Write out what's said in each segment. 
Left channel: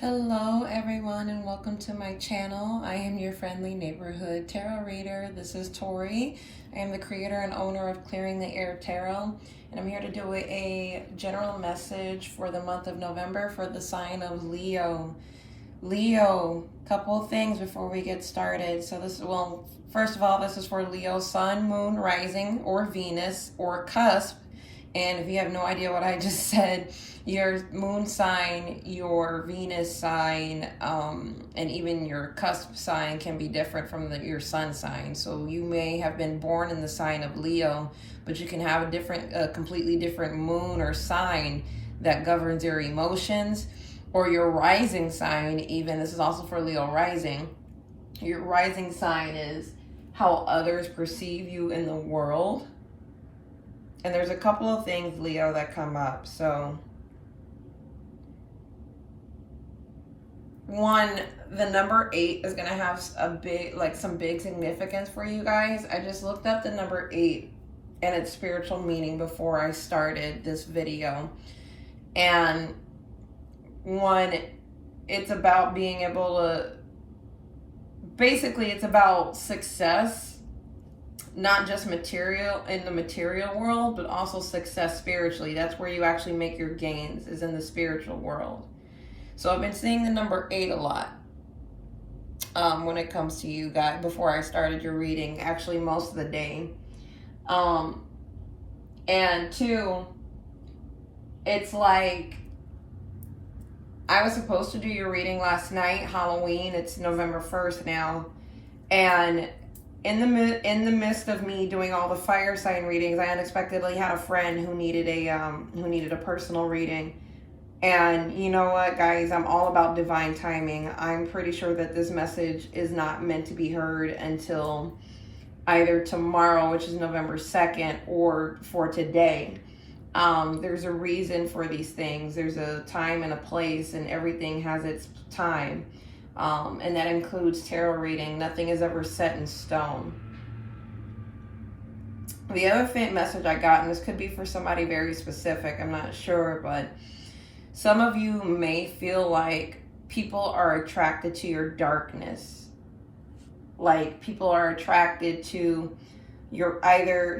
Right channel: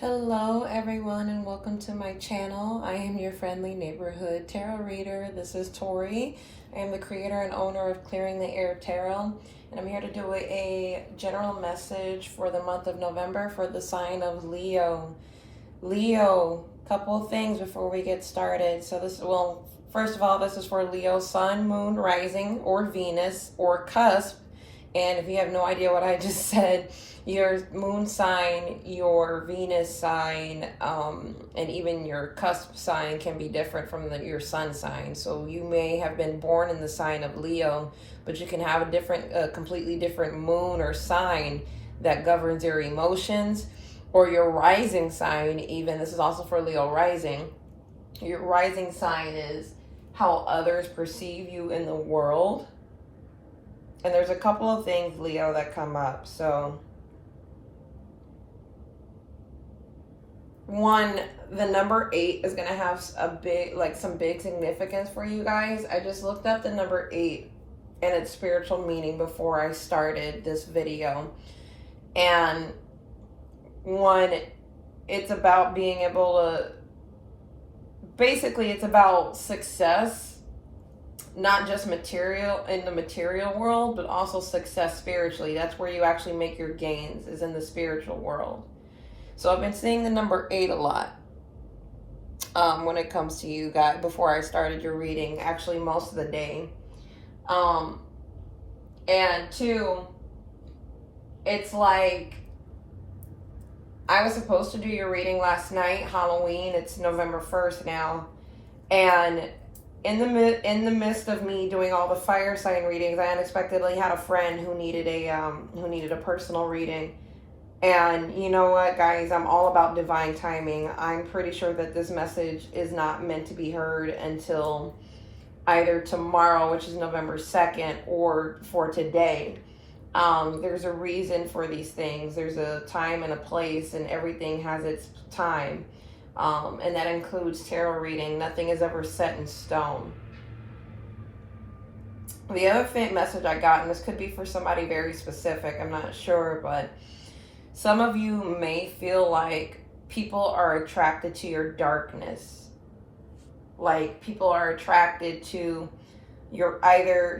Hello everyone and welcome to my channel. I am your friendly neighborhood tarot reader. This is Tori. I am the creator and owner of Clearing the Air Tarot, and I'm here to do a general message for the month of November for the sign of Leo. Leo, couple of things before we get started. First of all, this is for Leo, Sun, Moon, Rising, or Venus, or Cusp. And if you have no idea what I just said, your moon sign, your Venus sign, and even your cusp sign can be different from your sun sign. So you may have been born in the sign of Leo, but you can have a completely different moon or sign that governs your emotions, or your rising sign even. This is also for Leo rising. Your rising sign is how others perceive you in the world. And there's a couple of things, Leo, that come up. So one, the number 8 is going to have some big significance for you guys. I just looked up the number 8 and its spiritual meaning before I started this video. And one, it's about being able to, basically it's about success, not just material in the material world, but also success spiritually. That's where you actually make your gains, is in the spiritual world. So I've been seeing the number 8 a lot when it comes to you guys before I started your reading, actually most of the day. And 2, it's like, I was supposed to do your reading last night, Halloween. It's November 1st now. And in the midst of me doing all the fire sign readings, I unexpectedly had a friend who needed a personal reading. And you know what, guys, I'm all about divine timing. I'm pretty sure that this message is not meant to be heard until either tomorrow, which is November 2nd, or for today. There's a reason for these things. There's a time and a place, and everything has its time. And that includes tarot reading. Nothing is ever set in stone. The other message I got, and this could be for somebody very specific, I'm not sure, but some of you may feel like people are attracted to your darkness. Like people are attracted to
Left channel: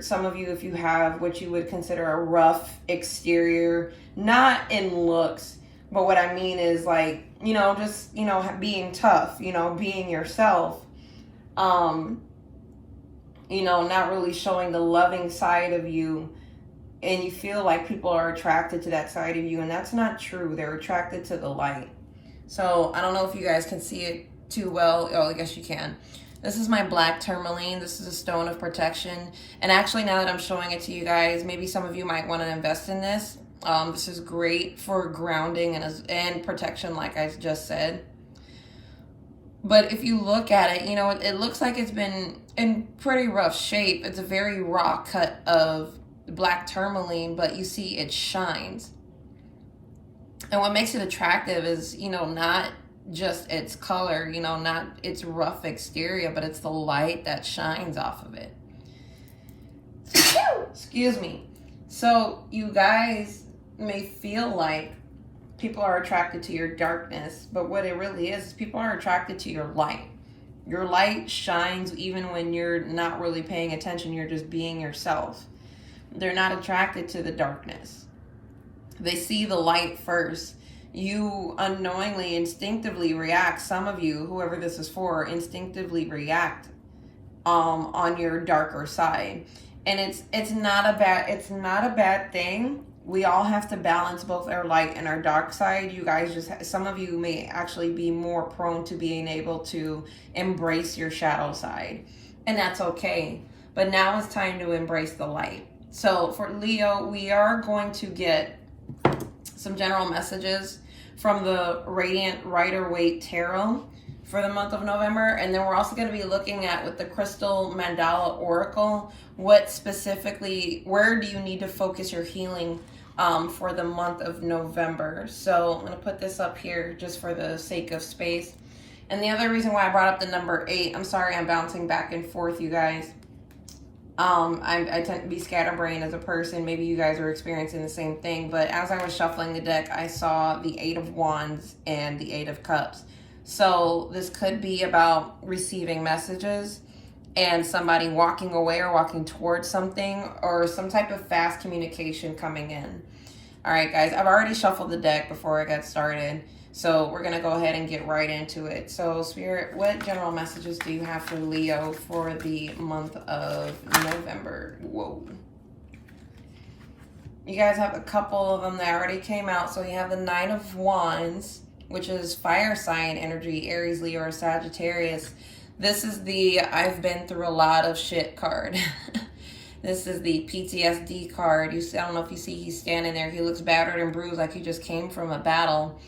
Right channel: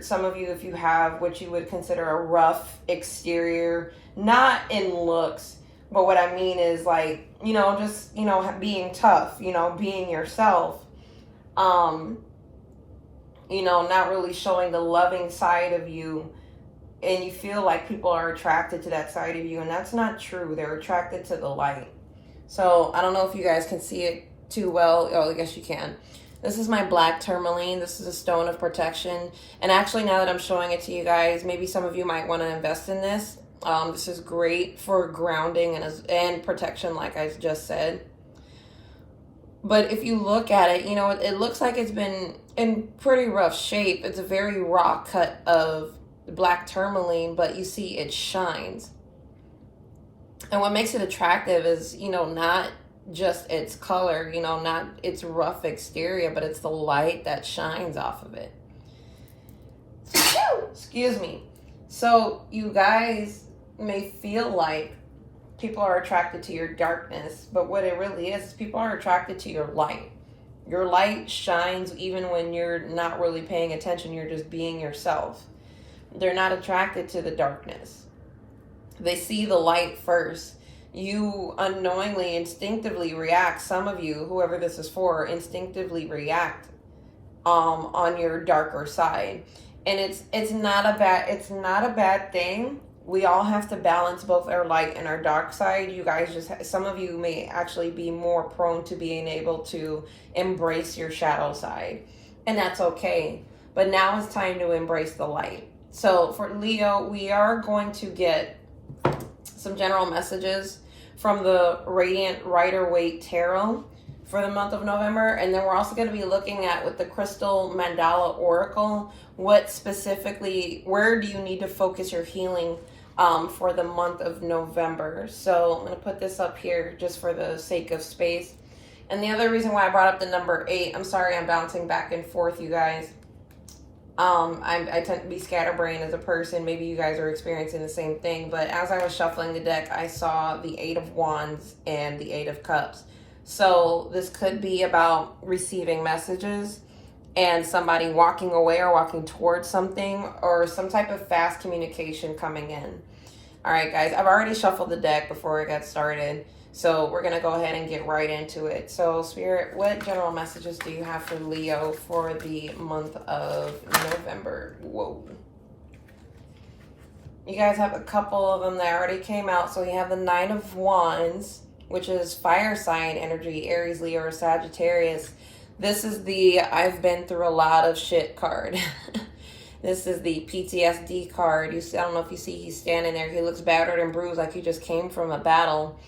some of you, if you have what you would consider a rough exterior, not in looks, but what I mean is like, just, being tough, being yourself, not really showing the loving side of you. And you feel like people are attracted to that side of you, and that's not true. They're attracted to the light. So I don't know if you guys can see it too well. Oh, I guess you can. This is my black tourmaline. This is a stone of protection. And actually, now that I'm showing it to you guys, maybe some of you might want to invest in this. This is great for grounding and protection, like I just said. But if you look at it, it looks like it's been in pretty rough shape. It's a very raw cut of black tourmaline, but you see it shines. And what makes it attractive is, not just its color, not its rough exterior, but it's the light that shines off of it. Excuse me. So you guys may feel like people are attracted to your darkness, but what it really is, people are attracted to your light. Your light shines even when you're not really paying attention. You're just being yourself. They're not attracted to the darkness. They see the light first. You unknowingly, instinctively react. Some of you, whoever this is for, instinctively react on your darker side. And it's not a bad thing. We all have to balance both our light and our dark side. You guys some of you may actually be more prone to being able to embrace your shadow side. And that's okay. But now it's time to embrace the light. So for Leo, we are going to get some general messages from the Radiant Rider-Waite Tarot for the month of November. And then we're also going to be looking at, with the Crystal Mandala Oracle, where do you need to focus your healing for the month of November. So I'm going to put this up here just for the sake of space. And the other reason why I brought up the number 8, I'm sorry I'm bouncing back and forth, you guys. I tend to be scatterbrained as a person. Maybe you guys are experiencing the same thing. But as I was shuffling the deck, I saw the Eight of Wands and the Eight of Cups. So this could be about receiving messages and somebody walking away or walking towards something, or some type of fast communication coming in. All right, guys, I've already shuffled the deck before I got started. So we're going to go ahead and get right into it. So Spirit, what general messages do you have for Leo for the month of November? Whoa. You guys have a couple of them that already came out. So you have the Nine of Wands, which is fire sign energy, Aries, Leo, or Sagittarius. This is the I've been through a lot of shit card. This is the PTSD card. I don't know if you see he's standing there. He looks battered and bruised like he just came from a battle.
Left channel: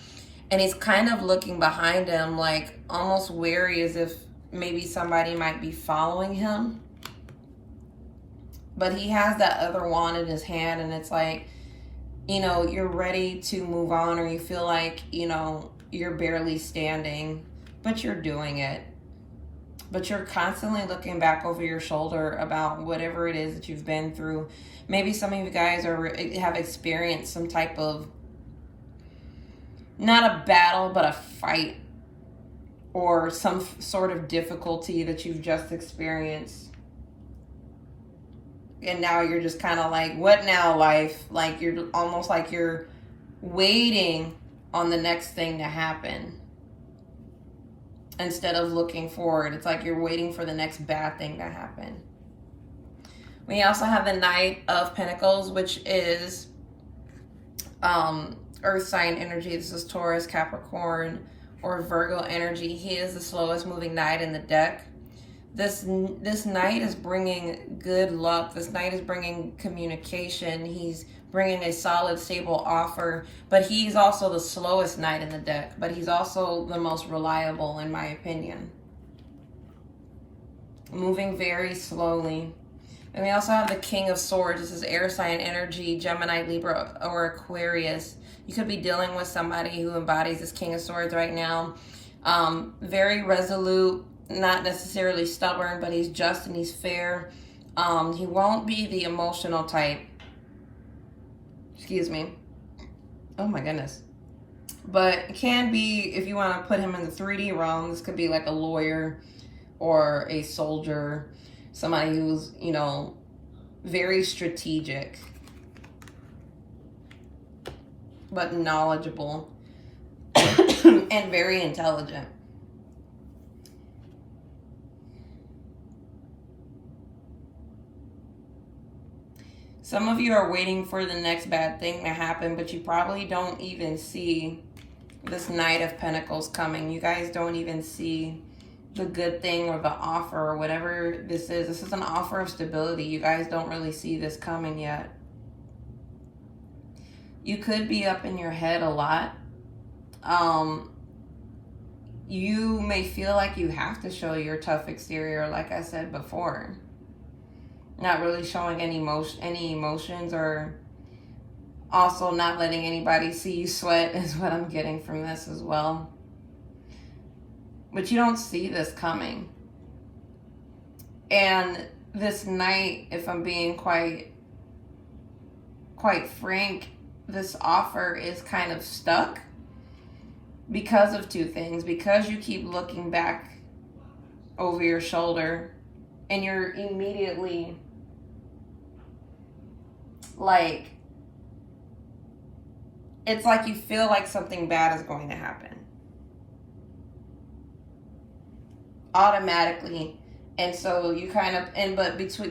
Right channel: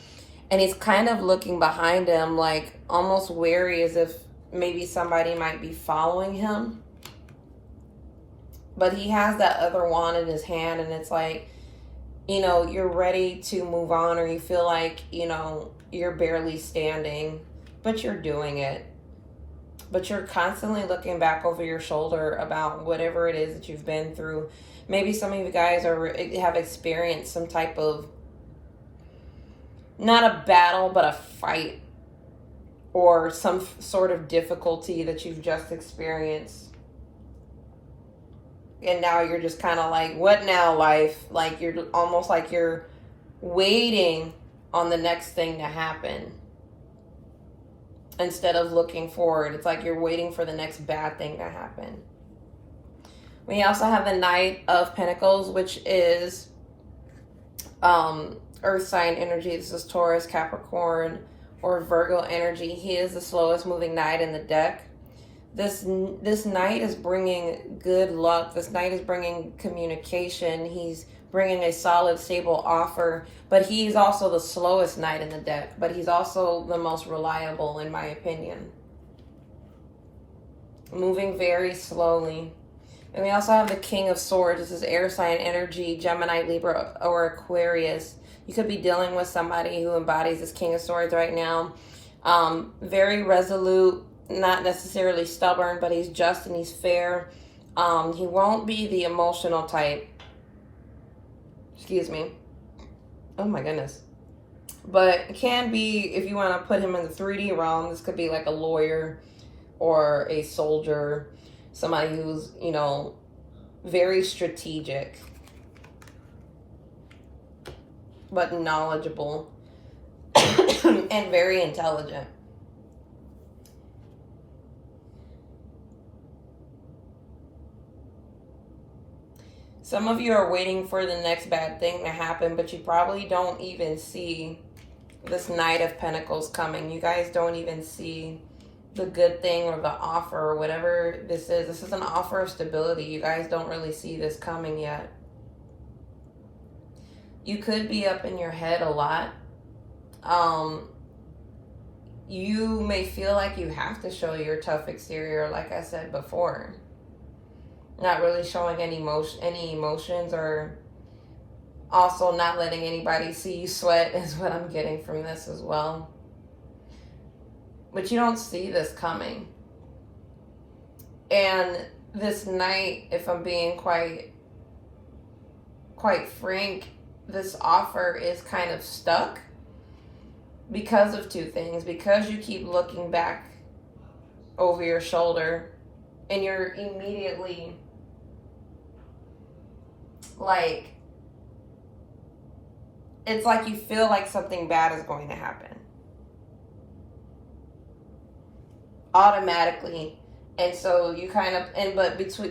And he's kind of looking behind him, like almost wary, as if maybe somebody might be following him. But he has that other wand in his hand, and it's like, you know, you're ready to move on, or you feel like, you know, you're barely standing, but you're doing it. But you're constantly looking back over your shoulder about whatever it is that you've been through. Maybe some of you guys have experienced some type of, not a battle, but a fight, or some sort of difficulty that you've just experienced. And now you're just kind of like, what now, life? Like, you're almost like you're waiting on the next thing to happen instead of looking forward. It's like you're waiting for the next bad thing to happen. We also have the Knight of Pentacles, which is Earth sign energy. This is Taurus, Capricorn, or Virgo energy. He is the slowest moving knight in the deck. This knight is bringing good luck. This knight is bringing communication. He's bringing a solid, stable offer. But he's also the slowest knight in the deck. But he's also the most reliable, in my opinion. Moving very slowly. And we also have the King of Swords. This is air sign energy, Gemini, Libra, or Aquarius. You could be dealing with somebody who embodies this King of Swords right now. Very resolute, not necessarily stubborn, but he's just and he's fair. He won't be the emotional type. Excuse me. Oh my goodness. But it can be, if you want to put him in the 3D realm, this could be like a lawyer or a soldier. Somebody who's, you know, very strategic, but knowledgeable and very intelligent. Some of you are waiting for the next bad thing to happen, but you probably don't even see this Knight of Pentacles coming. You guys don't even see the good thing or the offer or whatever this is. This is an offer of stability. You guys don't really see this coming yet. You could be up in your head a lot. You may feel like you have to show your tough exterior, like I said before. Not really showing any emotions, or also not letting anybody see you sweat is what I'm getting from this as well. But you don't see this coming. And this night, if I'm being quite frank, this offer is kind of stuck because of two things. Because you keep looking back over your shoulder and you're immediately like, it's like you feel like something bad is going to happen automatically. And so you kind of,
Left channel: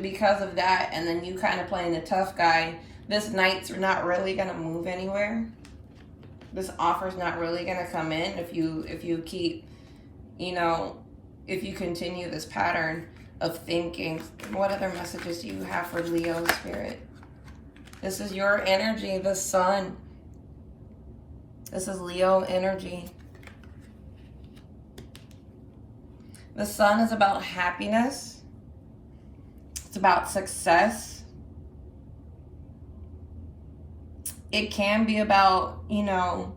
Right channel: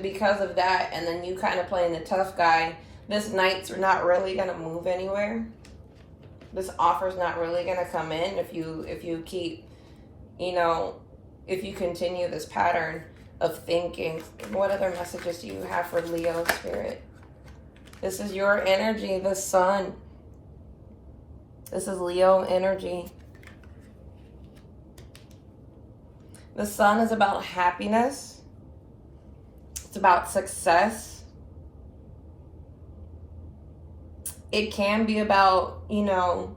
because of that, and then you kind of playing the tough guy, this night's not really going to move anywhere. This offer's not really going to come in if you keep, you know, if you continue this pattern of thinking. What other messages do you have for Leo Spirit? This is your energy, the sun. This is Leo energy. The sun is about happiness. It's about success. It can be about, you know,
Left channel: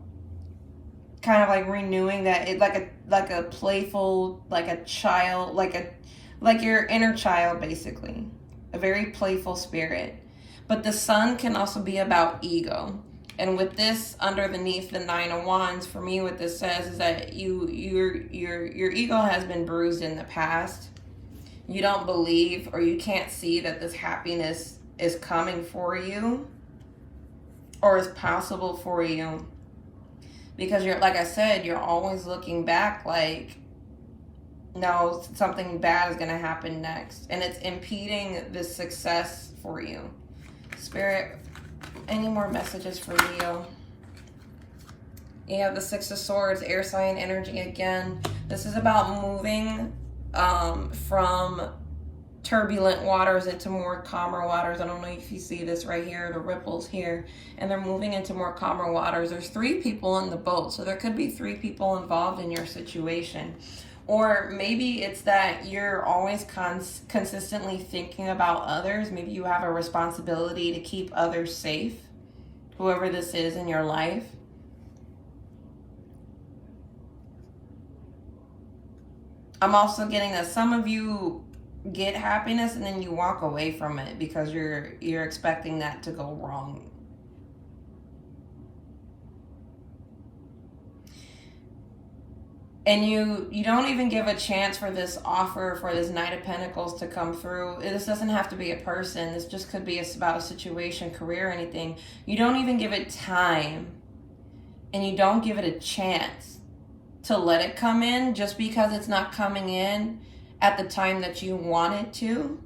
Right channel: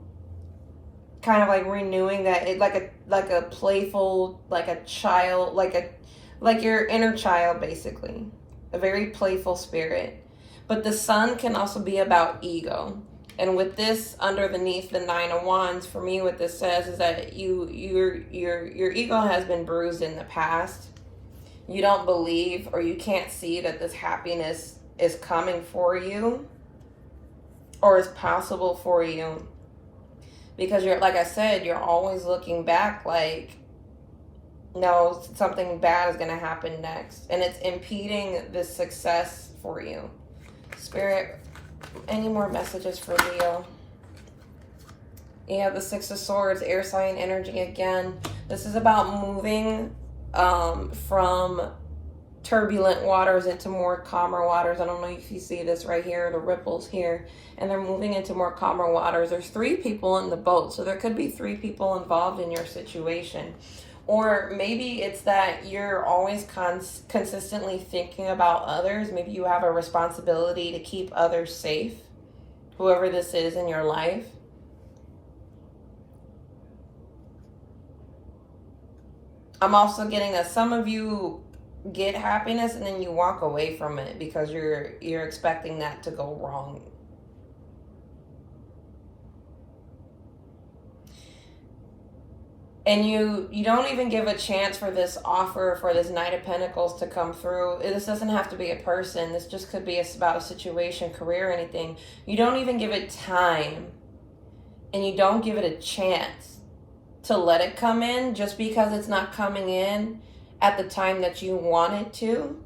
kind of like renewing that, like a playful, like a child, like your inner child, basically. a very playful spirit. But the Sun can also be about ego. And with this underneath the Nine of Wands, for me, what this says is that your ego has been bruised in the past. You don't believe, or you can't see that this happiness is coming for you or is possible for you, because you're, like I said, you're always looking back like, no, something bad is going to happen next, and it's impeding this success for you. Spirit, any more messages for Leo? You have the Six of Swords, air sign energy again. This is about moving from turbulent waters into more calmer waters. I don't know if you see this right here, the ripples here, and they're moving into more calmer waters. There's 3 people in the boat, so there could be 3 people involved in your situation. Or maybe it's that you're always consistently thinking about others. Maybe you have a responsibility to keep others safe, whoever this is in your life. I'm also getting that some of you get happiness and then you walk away from it because you're expecting that to go wrong. And you don't even give a chance for this offer, for this Knight of Pentacles to come through. This doesn't have to be a person. This just could be about a situation, career, anything. You don't even give it time. And you don't give it a chance to let it come in just because it's not coming in at the time that you want it to.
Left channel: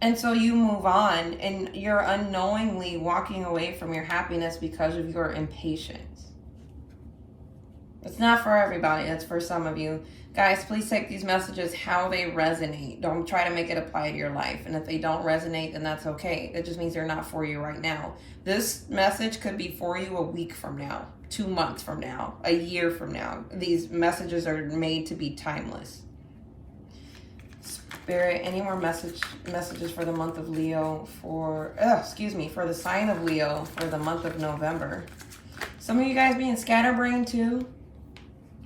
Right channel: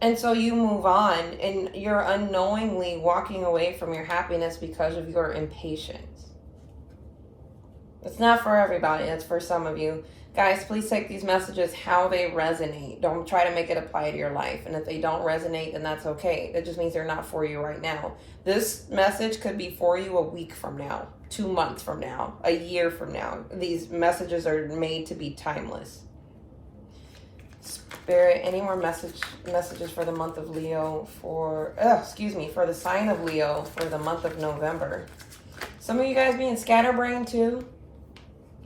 And so you move on, and you're unknowingly walking away from your happiness because of your impatience. It's not for everybody. It's for some of you. Guys, please take these messages how they resonate. Don't try to make it apply to your life. And if they don't resonate, then that's okay. That just means they're not for you right now. This message could be for you a week from now, 2 months from now, a year from now. These messages are made to be timeless. Spirit, any more messages for the month of Leo, for the sign of Leo for the month of November? Some of you guys being scatterbrained too.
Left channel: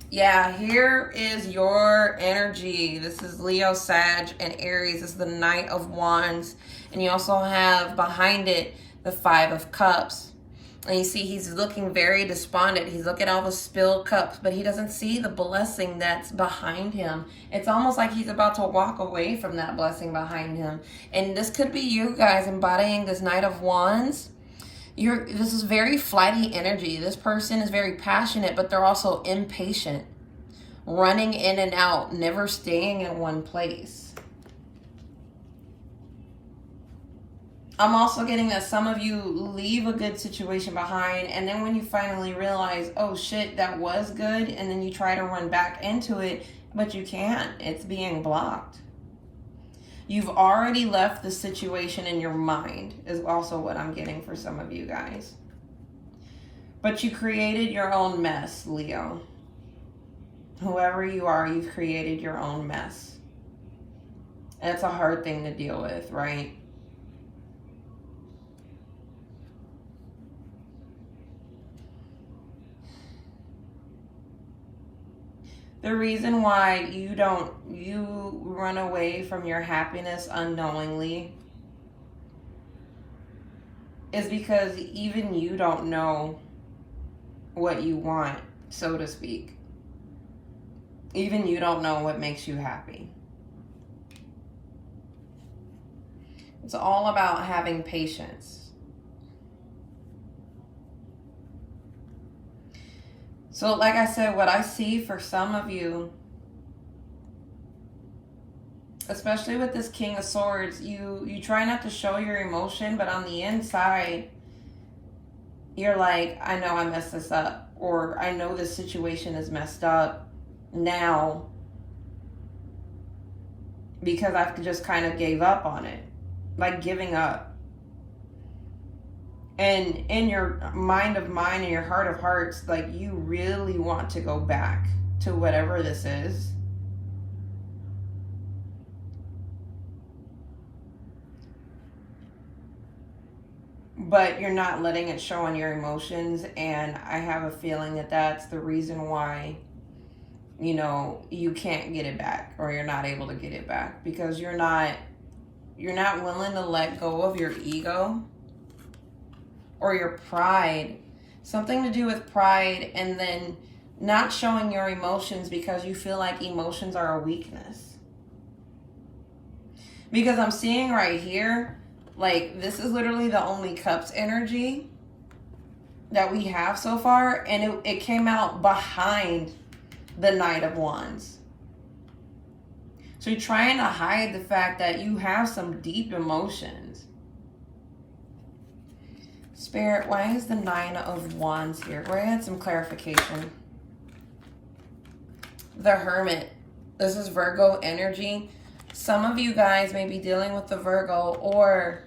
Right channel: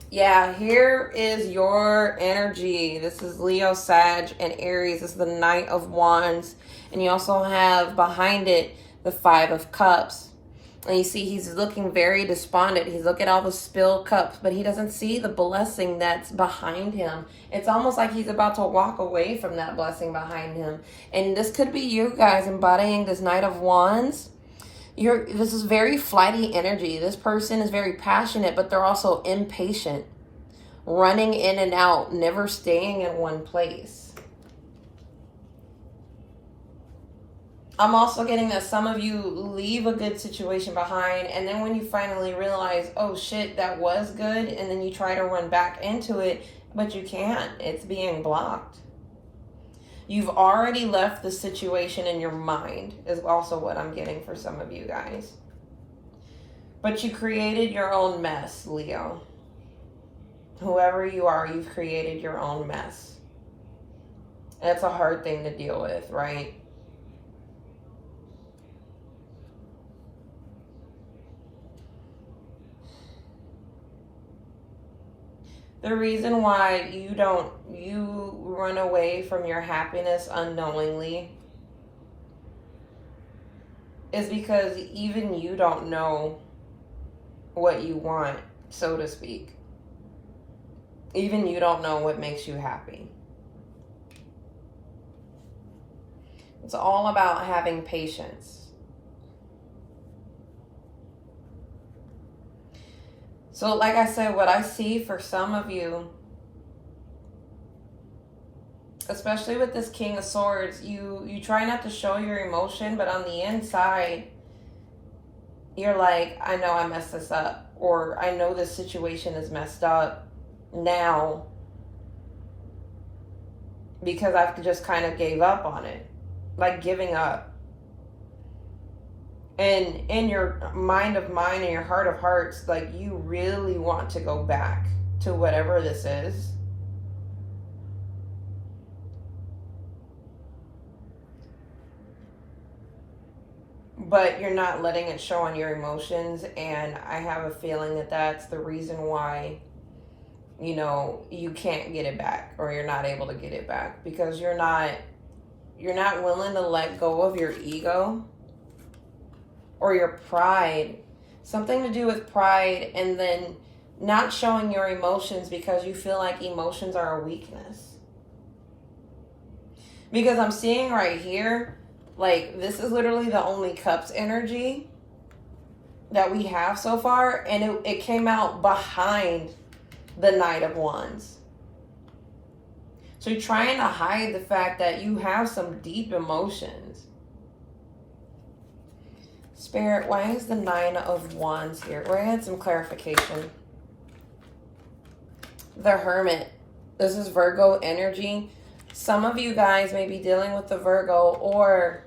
Yeah, here is your energy. This is Leo, Sag, and Aries. This is the Knight of Wands. And you also have behind it the Five of Cups. And you see he's looking very despondent. He's looking at all the spilled cups, but he doesn't see the blessing that's behind him. It's almost like he's about to walk away from that blessing behind him. And this could be you guys embodying this Knight of Wands. This is very flighty energy. This person is very passionate, but they're also impatient, running in and out, never staying in one place. I'm also getting that some of you leave a good situation behind, and then when you finally realize, oh shit, that was good, and then you try to run back into it, but you can't. It's being blocked. You've already left the situation in your mind, is also what I'm getting for some of you guys. But you created your own mess, Leo. Whoever you are, you've created your own mess. And it's a hard thing to deal with, right? The reason why you run away from your happiness unknowingly is because even you don't know what you want, so to speak. Even you don't know what makes you happy. It's all about having patience. So like I said, what I see for some of you, especially with this King of Swords, you try not to show your emotion, but on the inside, you're like, I know I messed this up, or I know this situation is messed up now because I've just kind of gave up on it, like giving up. And in your mind of mine and your heart of hearts, like you really want to go back to whatever this is. But you're not letting it show on your emotions. And I have a feeling that that's the reason why you know, you can't get it back, or you're not able to get it back because you're not willing to let go of your ego or your pride. Something to do with pride, and then not showing your emotions because you feel like emotions are a weakness. Because I'm seeing right here, like, this is literally the only cups energy that we have so far, and it came out behind the Knight of Wands. So you're trying to hide the fact that you have some deep emotions. Spirit, why is the Nine of Wands here? We're going to get some clarification. The Hermit. This is Virgo energy. Some of you guys may be dealing with the Virgo, or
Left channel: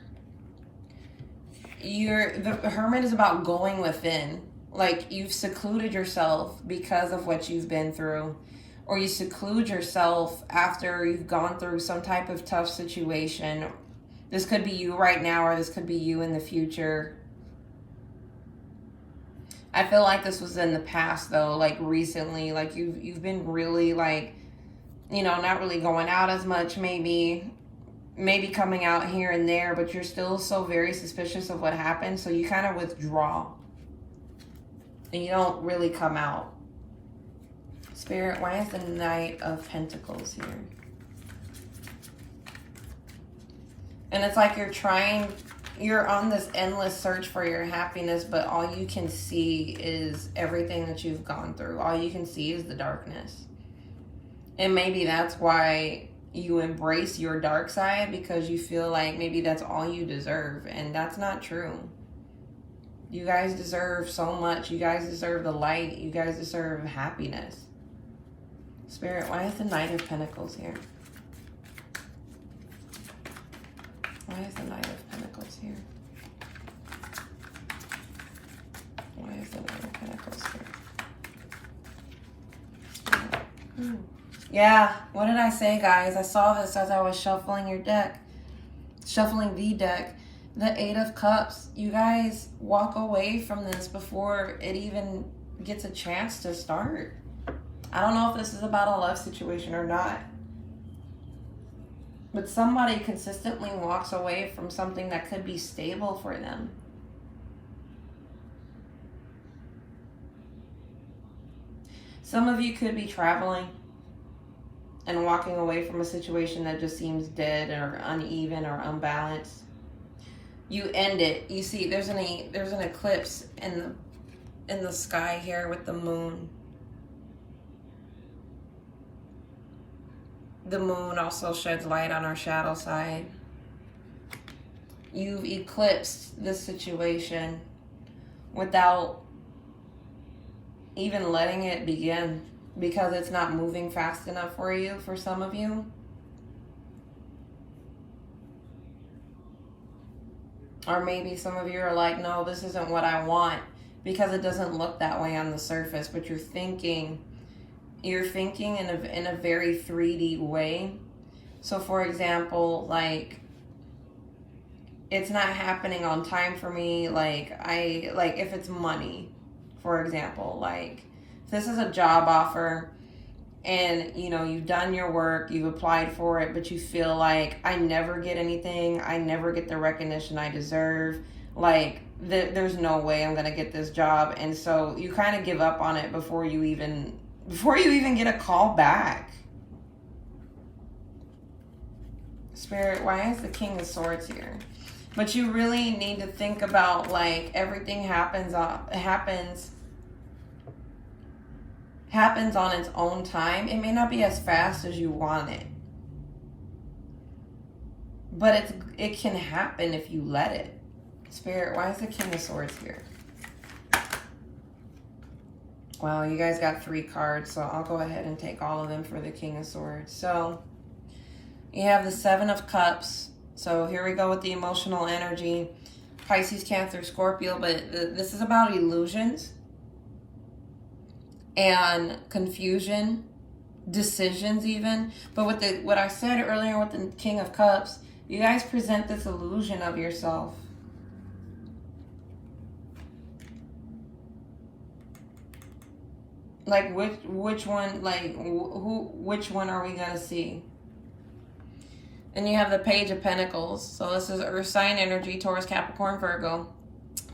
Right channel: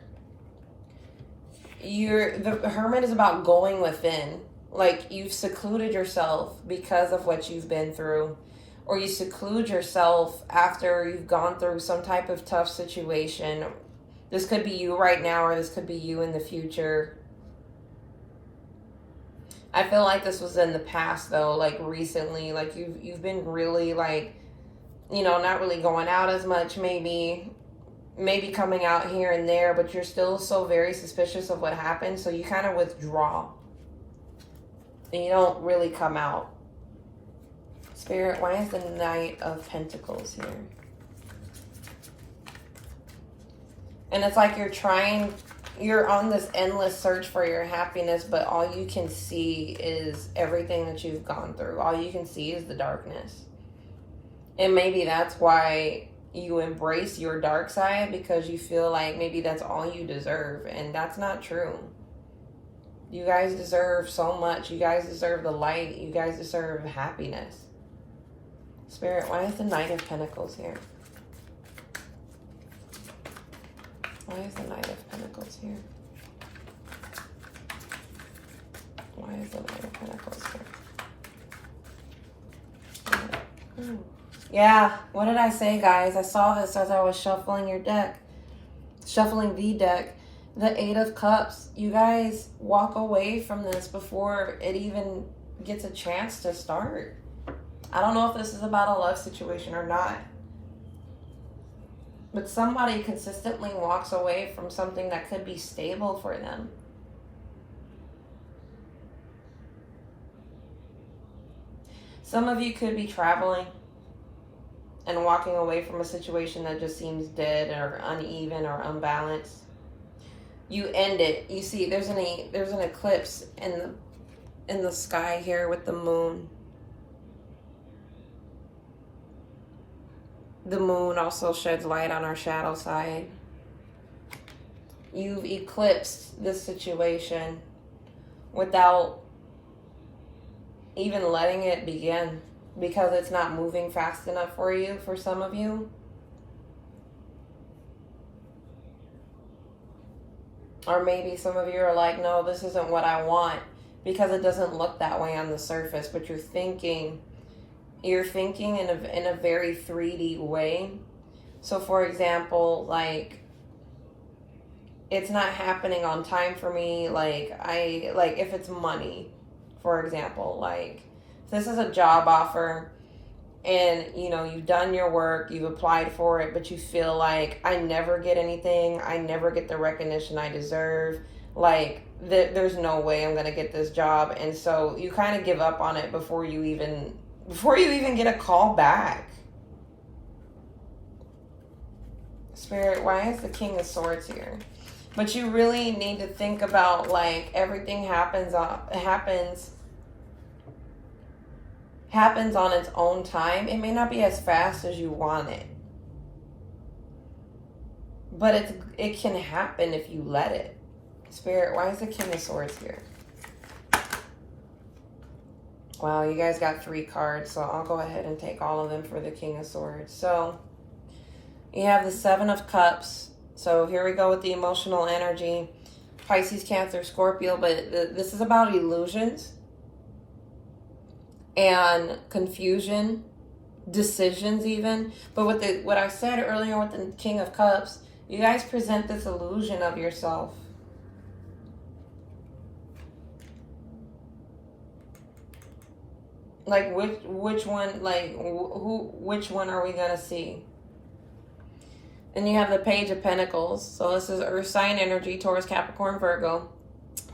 the Hermit is about going within. Like, you've secluded yourself because of what you've been through, or you seclude yourself after you've gone through some type of tough situation. This could be you right now, or this could be you in the future. I feel like this was in the past, though, like recently. Like, you've been really, like, you know, not really going out as much, maybe coming out here and there, but you're still so very suspicious of what happened, so you kind of withdraw. And you don't really come out. Spirit, why is the Knight of Pentacles here? And it's like you're on this endless search for your happiness, but all you can see is everything that you've gone through. All you can see is the darkness. And maybe that's why you embrace your dark side, because you feel like maybe that's all you deserve. And that's not true. You guys deserve so much. You guys deserve the light. You guys deserve happiness. Spirit, why is the Knight of Pentacles here? Why is the Knight of Pentacles here? Why is the Knight of Pentacles here? Ooh. Yeah, what did I say, guys? I saw this as I was shuffling the deck. The Eight of Cups. You guys walk away from this before it even gets a chance to start. I don't know if this is about a love situation or not, but somebody consistently walks away from something that could be stable for them. Some of you could be traveling and walking away from a situation that just seems dead or uneven or unbalanced. You end it. You see, there's an eclipse in the sky here with the moon. The moon also sheds light on our shadow side. You've eclipsed this situation without even letting it begin, because it's not moving fast enough for you, for some of you. Or maybe some of you are like, no, this isn't what I want, because it doesn't look that way on the surface, but you're thinking in a very 3D way. So for example, like, it's not happening on time for me. Like if it's money, for example, like, this is a job offer and, you know, you've done your work, you've applied for it, but you feel like, I never get anything. I never get the recognition I deserve. Like, there's no way I'm going to get this job. And so you kind of give up on it before you even get a call back. Spirit, why is the King of Swords here? But you really need to think about, like, everything happens on its own time. It may not be as fast as you want it, but it can happen if you let it. Spirit, why is the King of Swords here? Wow, you guys got 3 cards, so I'll go ahead and take all of them for the King of Swords. So you have the 7 of Cups. So here we go with the emotional energy. Pisces, Cancer, Scorpio, but this is about illusions and confusion, decisions even. But with what I said earlier with the King of Cups, you guys present this illusion of yourself. Like which one, like which one are we gonna see? And you have the Page of Pentacles. So this is Earth sign energy, Taurus, Capricorn, Virgo.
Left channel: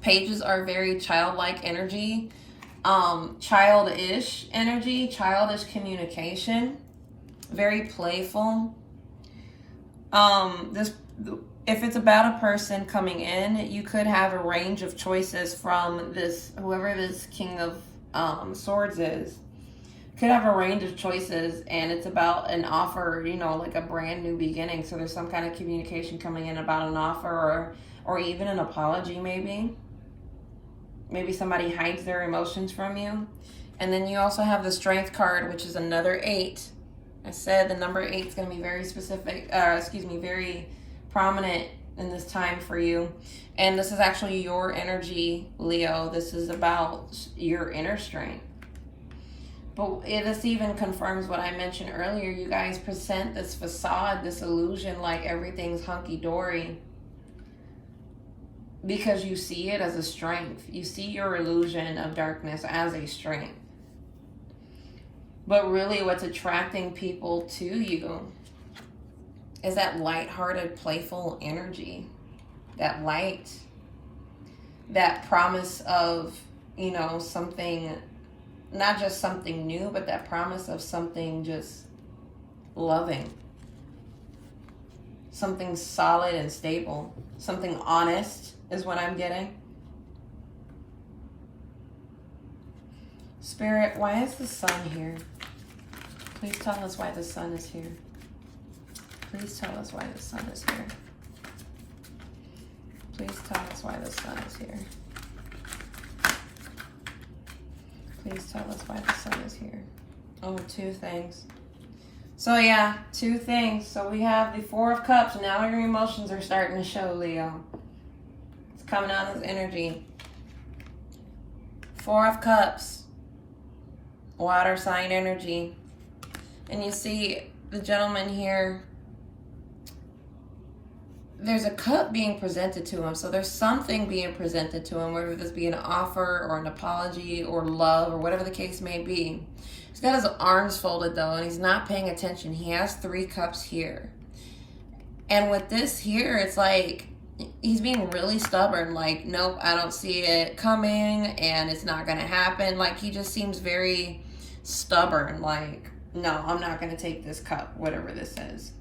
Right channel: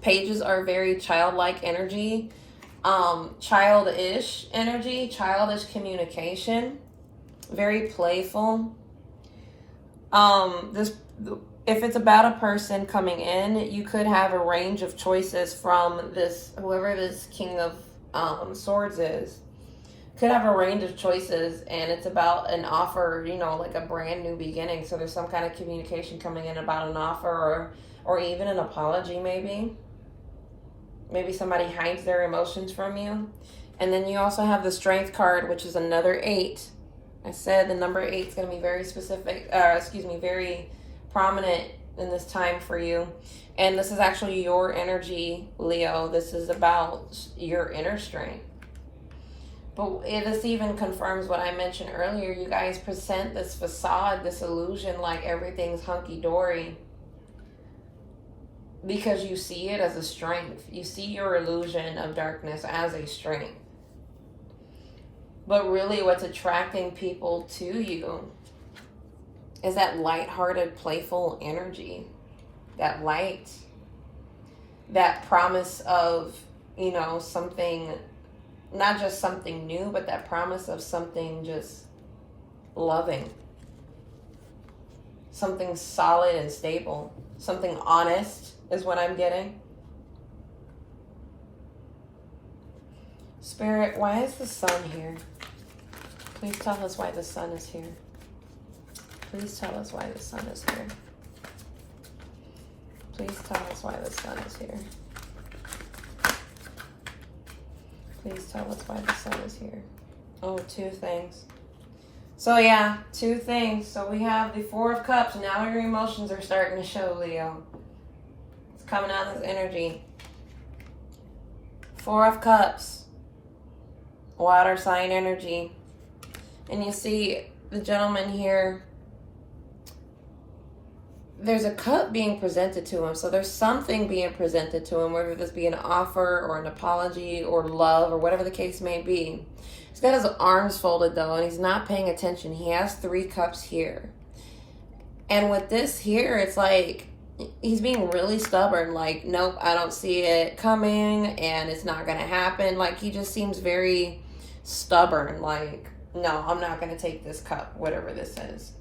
Pages are very childlike energy, childish energy, childish communication, very playful. This, if it's about a person coming in, you could have a range of choices from this, whoever this King of Swords is. Could have a range of choices, and it's about an offer, you know, like a brand new beginning. So there's some kind of communication coming in about an offer, or even an apology, maybe. Maybe somebody hides their emotions from you. And then you also have the Strength card, which is another 8. I said the number 8 is going to be very specific, very prominent in this time for you. And this is actually your energy, Leo. This is about your inner strength. But this even confirms what I mentioned earlier. You guys present this facade, this illusion, like everything's hunky-dory, because you see it as a strength. You see your illusion of darkness as a strength. But really what's attracting people to you is that lighthearted, playful energy. That light. That promise of, you know, something, not just something new, but that promise of something just loving. Something solid and stable. Something honest is what I'm getting. Spirit, why is the sun here? Please tell us why the sun is here. Please tell us why the sun is here. Please tell us why the sun is here. Please tell us why the sun is here. Oh, 2 things. So yeah, 2 things. So we have the 4 of Cups. Now your emotions are starting to show, Leo. It's coming out as energy. 4 of Cups. Water sign energy. And you see the gentleman here. There's a cup being presented to him. So there's something being presented to him, whether this be an offer or an apology or love or whatever the case may be. He's got his arms folded though, and he's not paying attention. He has 3 cups here. And with this here, it's like he's being really stubborn. Like, nope, I don't see it coming and it's not going to happen. Like, he just seems very stubborn. Like, no, I'm not going to take this cup, whatever this is.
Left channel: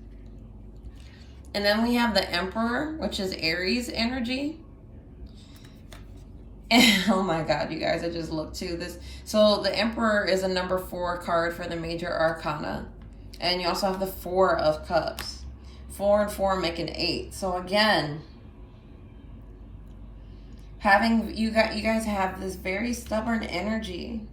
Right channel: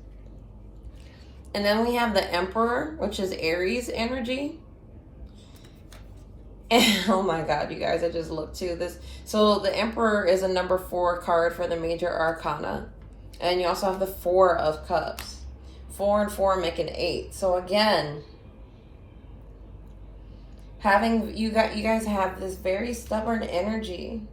And then we have the Emperor, which is Aries energy. And oh my God, you guys, I just looked too. So the Emperor is a number 4 card for the major arcana. And you also have the 4 of Cups. 4 and 4 make an 8. So again, you guys have this very stubborn energy.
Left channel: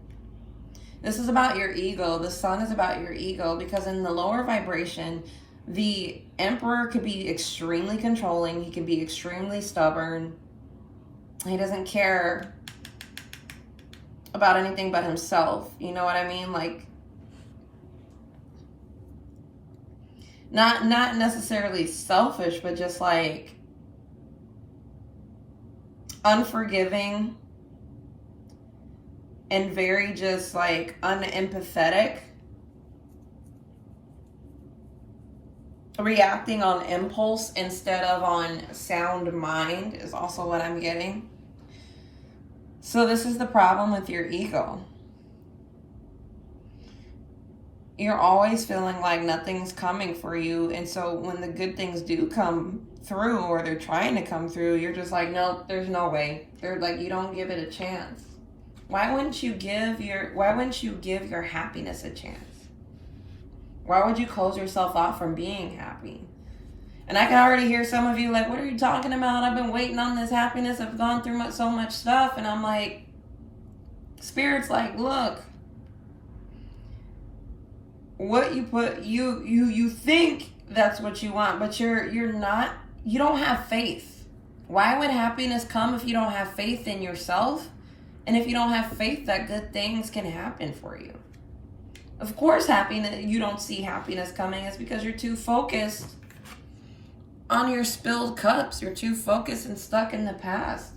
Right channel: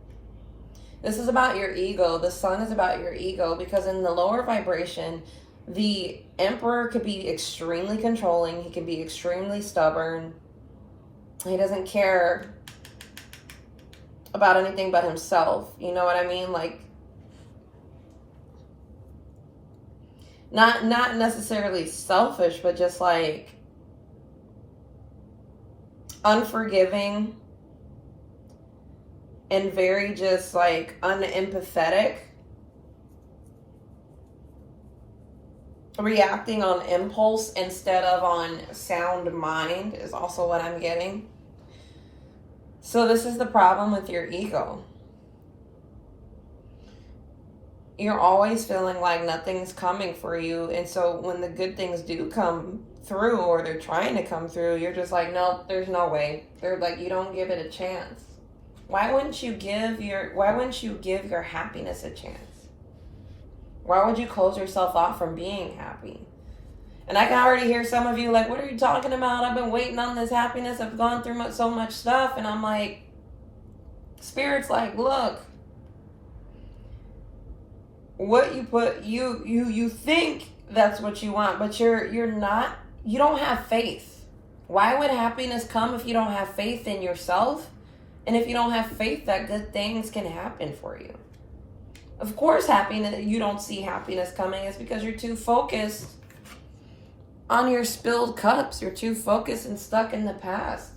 This is about your ego. The sun is about your ego, because in the lower vibration, the Emperor could be extremely controlling. He could be extremely stubborn. He doesn't care about anything but himself. You know what I mean? Like, not necessarily selfish, but just like unforgiving and very just like unempathetic. Reacting on impulse instead of on sound mind is also what I'm getting. So this is the problem with your ego. You're always feeling like nothing's coming for you. And so when the good things do come through, or they're trying to come through, you're just like, nope, there's no way. They're like, you don't give it a chance. Why wouldn't you give your happiness a chance? Why would you close yourself off from being happy? And I can already hear some of you like, what are you talking about? I've been waiting on this happiness. I've gone through so much stuff. And I'm like, Spirit's like, look, what you put, you think that's what you want, but you're not, you don't have faith. Why would happiness come if you don't have faith in yourself? And if you don't have faith that good things can happen for you? Of course, you don't see happiness coming. It's because you're too focused on your spilled cups. You're too focused and stuck in the past.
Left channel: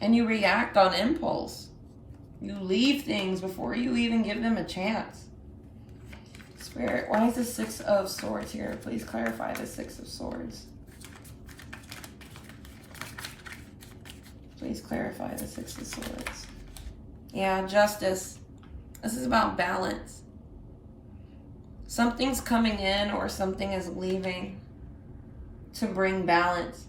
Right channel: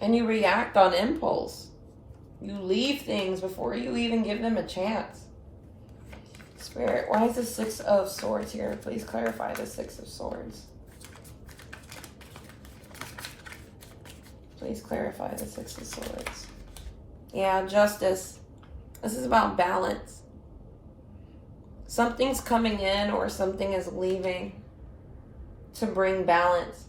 And you react on impulse. You leave things before you even give them a chance. Spirit, why is the Six of Swords here? Please clarify the Six of Swords. Please clarify the Six of Swords. Yeah, justice. This is about balance. Something's coming in or something is leaving to bring balance.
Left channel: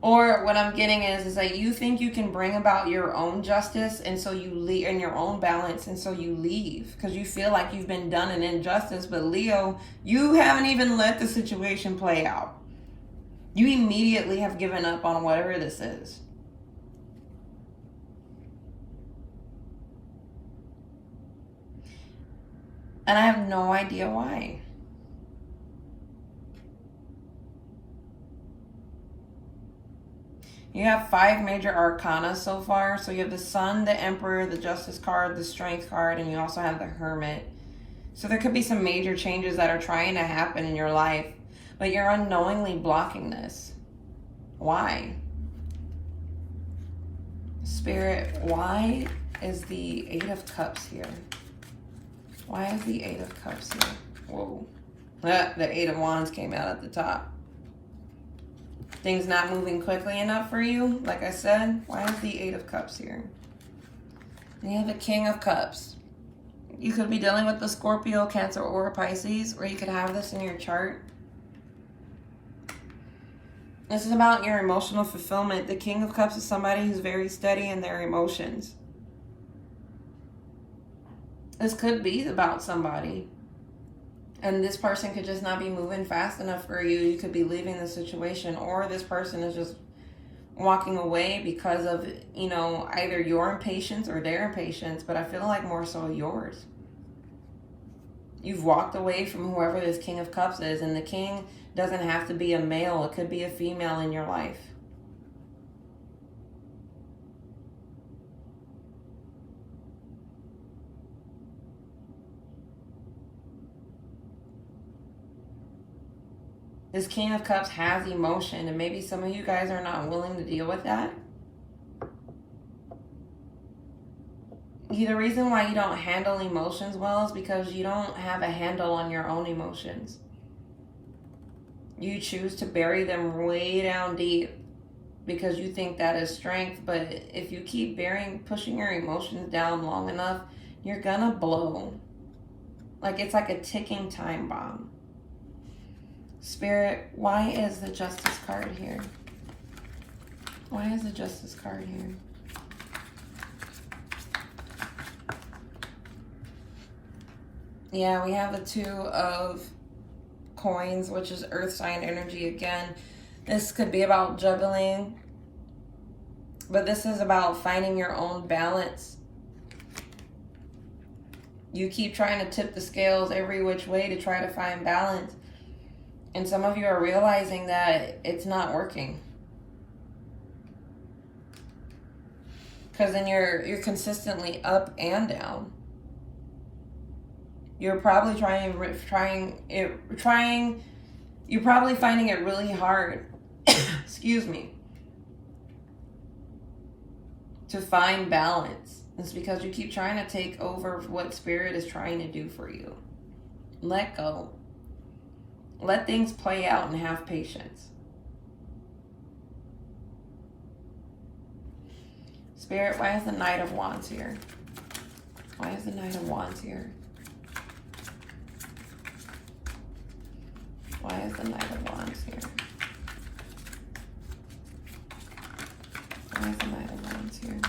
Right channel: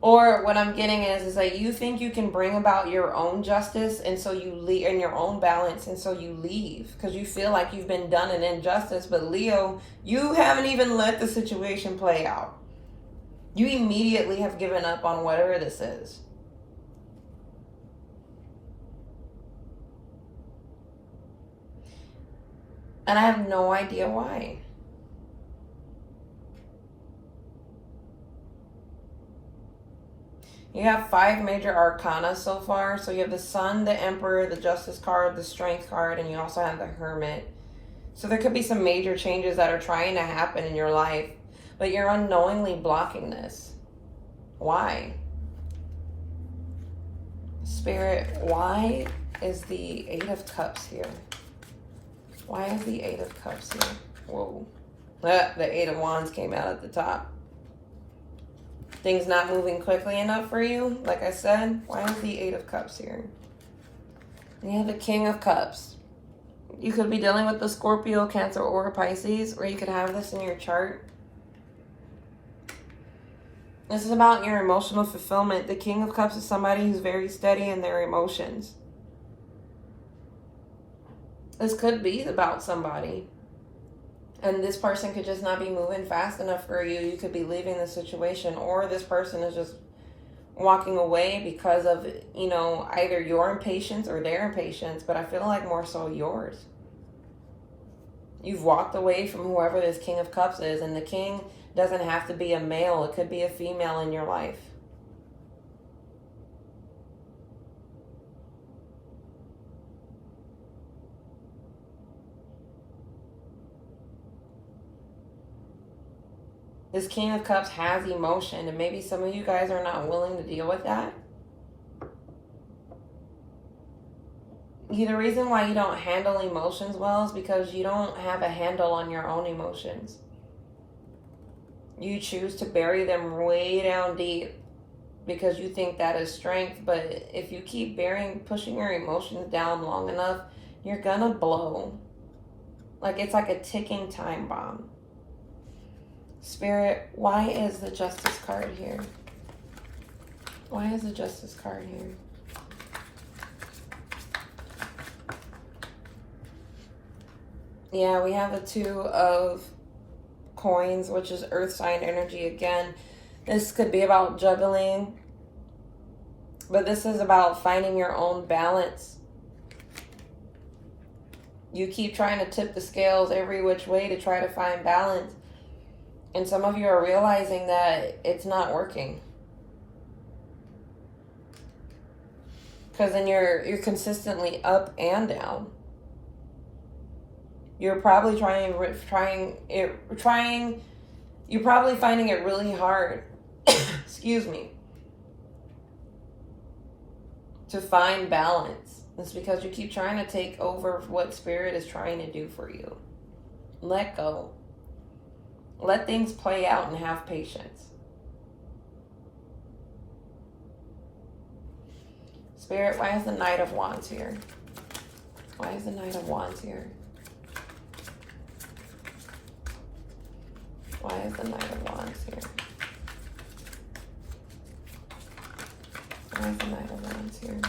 Or what I'm getting is that you think you can bring about your own justice, and so you leave, and your own balance, and so you leave because you feel like you've been done an injustice. But Leo, you haven't even let the situation play out. You immediately have given up on whatever this is. And I have no idea why. You have 5 major arcana so far. So you have the Sun, the Emperor, the Justice card, the Strength card, and you also have the Hermit. So there could be some major changes that are trying to happen in your life, but you're unknowingly blocking this. Why? Spirit, why is the 8 of Cups here? Why is the 8 of Cups here? Whoa. The 8 of Wands came out at the top. Things not moving quickly enough for you, like I said. Why is the 8 of Cups here? And you have the King of Cups. You could be dealing with the Scorpio, Cancer, or Pisces, or you could have this in your chart. This is about your emotional fulfillment. The King of Cups is somebody who's very steady in their emotions. This could be about somebody. And this person could just not be moving fast enough for you. You could be leaving the situation, or this person is just walking away because of, you know, either your impatience or their impatience, but I feel like more so yours. You've walked away from whoever this King of Cups is, and the King doesn't have to be a male. It could be a female in your life. This King of Cups has emotion, and maybe some of you guys are not willing to deal with that. The reason why you don't handle emotions well is because you don't have a handle on your own emotions. You choose to bury them way down deep because you think that is strength, but if you keep pushing your emotions down long enough, you're gonna blow. Like it's like a ticking time bomb. Spirit, why is the Justice card here? Why is the Justice card here? Yeah, we have the 2 of Coins, which is earth sign energy again. This could be about juggling, but this is about finding your own balance. You keep trying to tip the scales every which way to try to find balance. And some of you are realizing that it's not working. Because then you're consistently up and down. You're probably you're probably finding it really hard, excuse me, to find balance. It's because you keep trying to take over what Spirit is trying to do for you. Let go. Let things play out and have patience. Spirit, why is the Knight of Wands here? Why is the Knight of Wands here? Why is the Knight of Wands here? Why is the Knight of Wands here?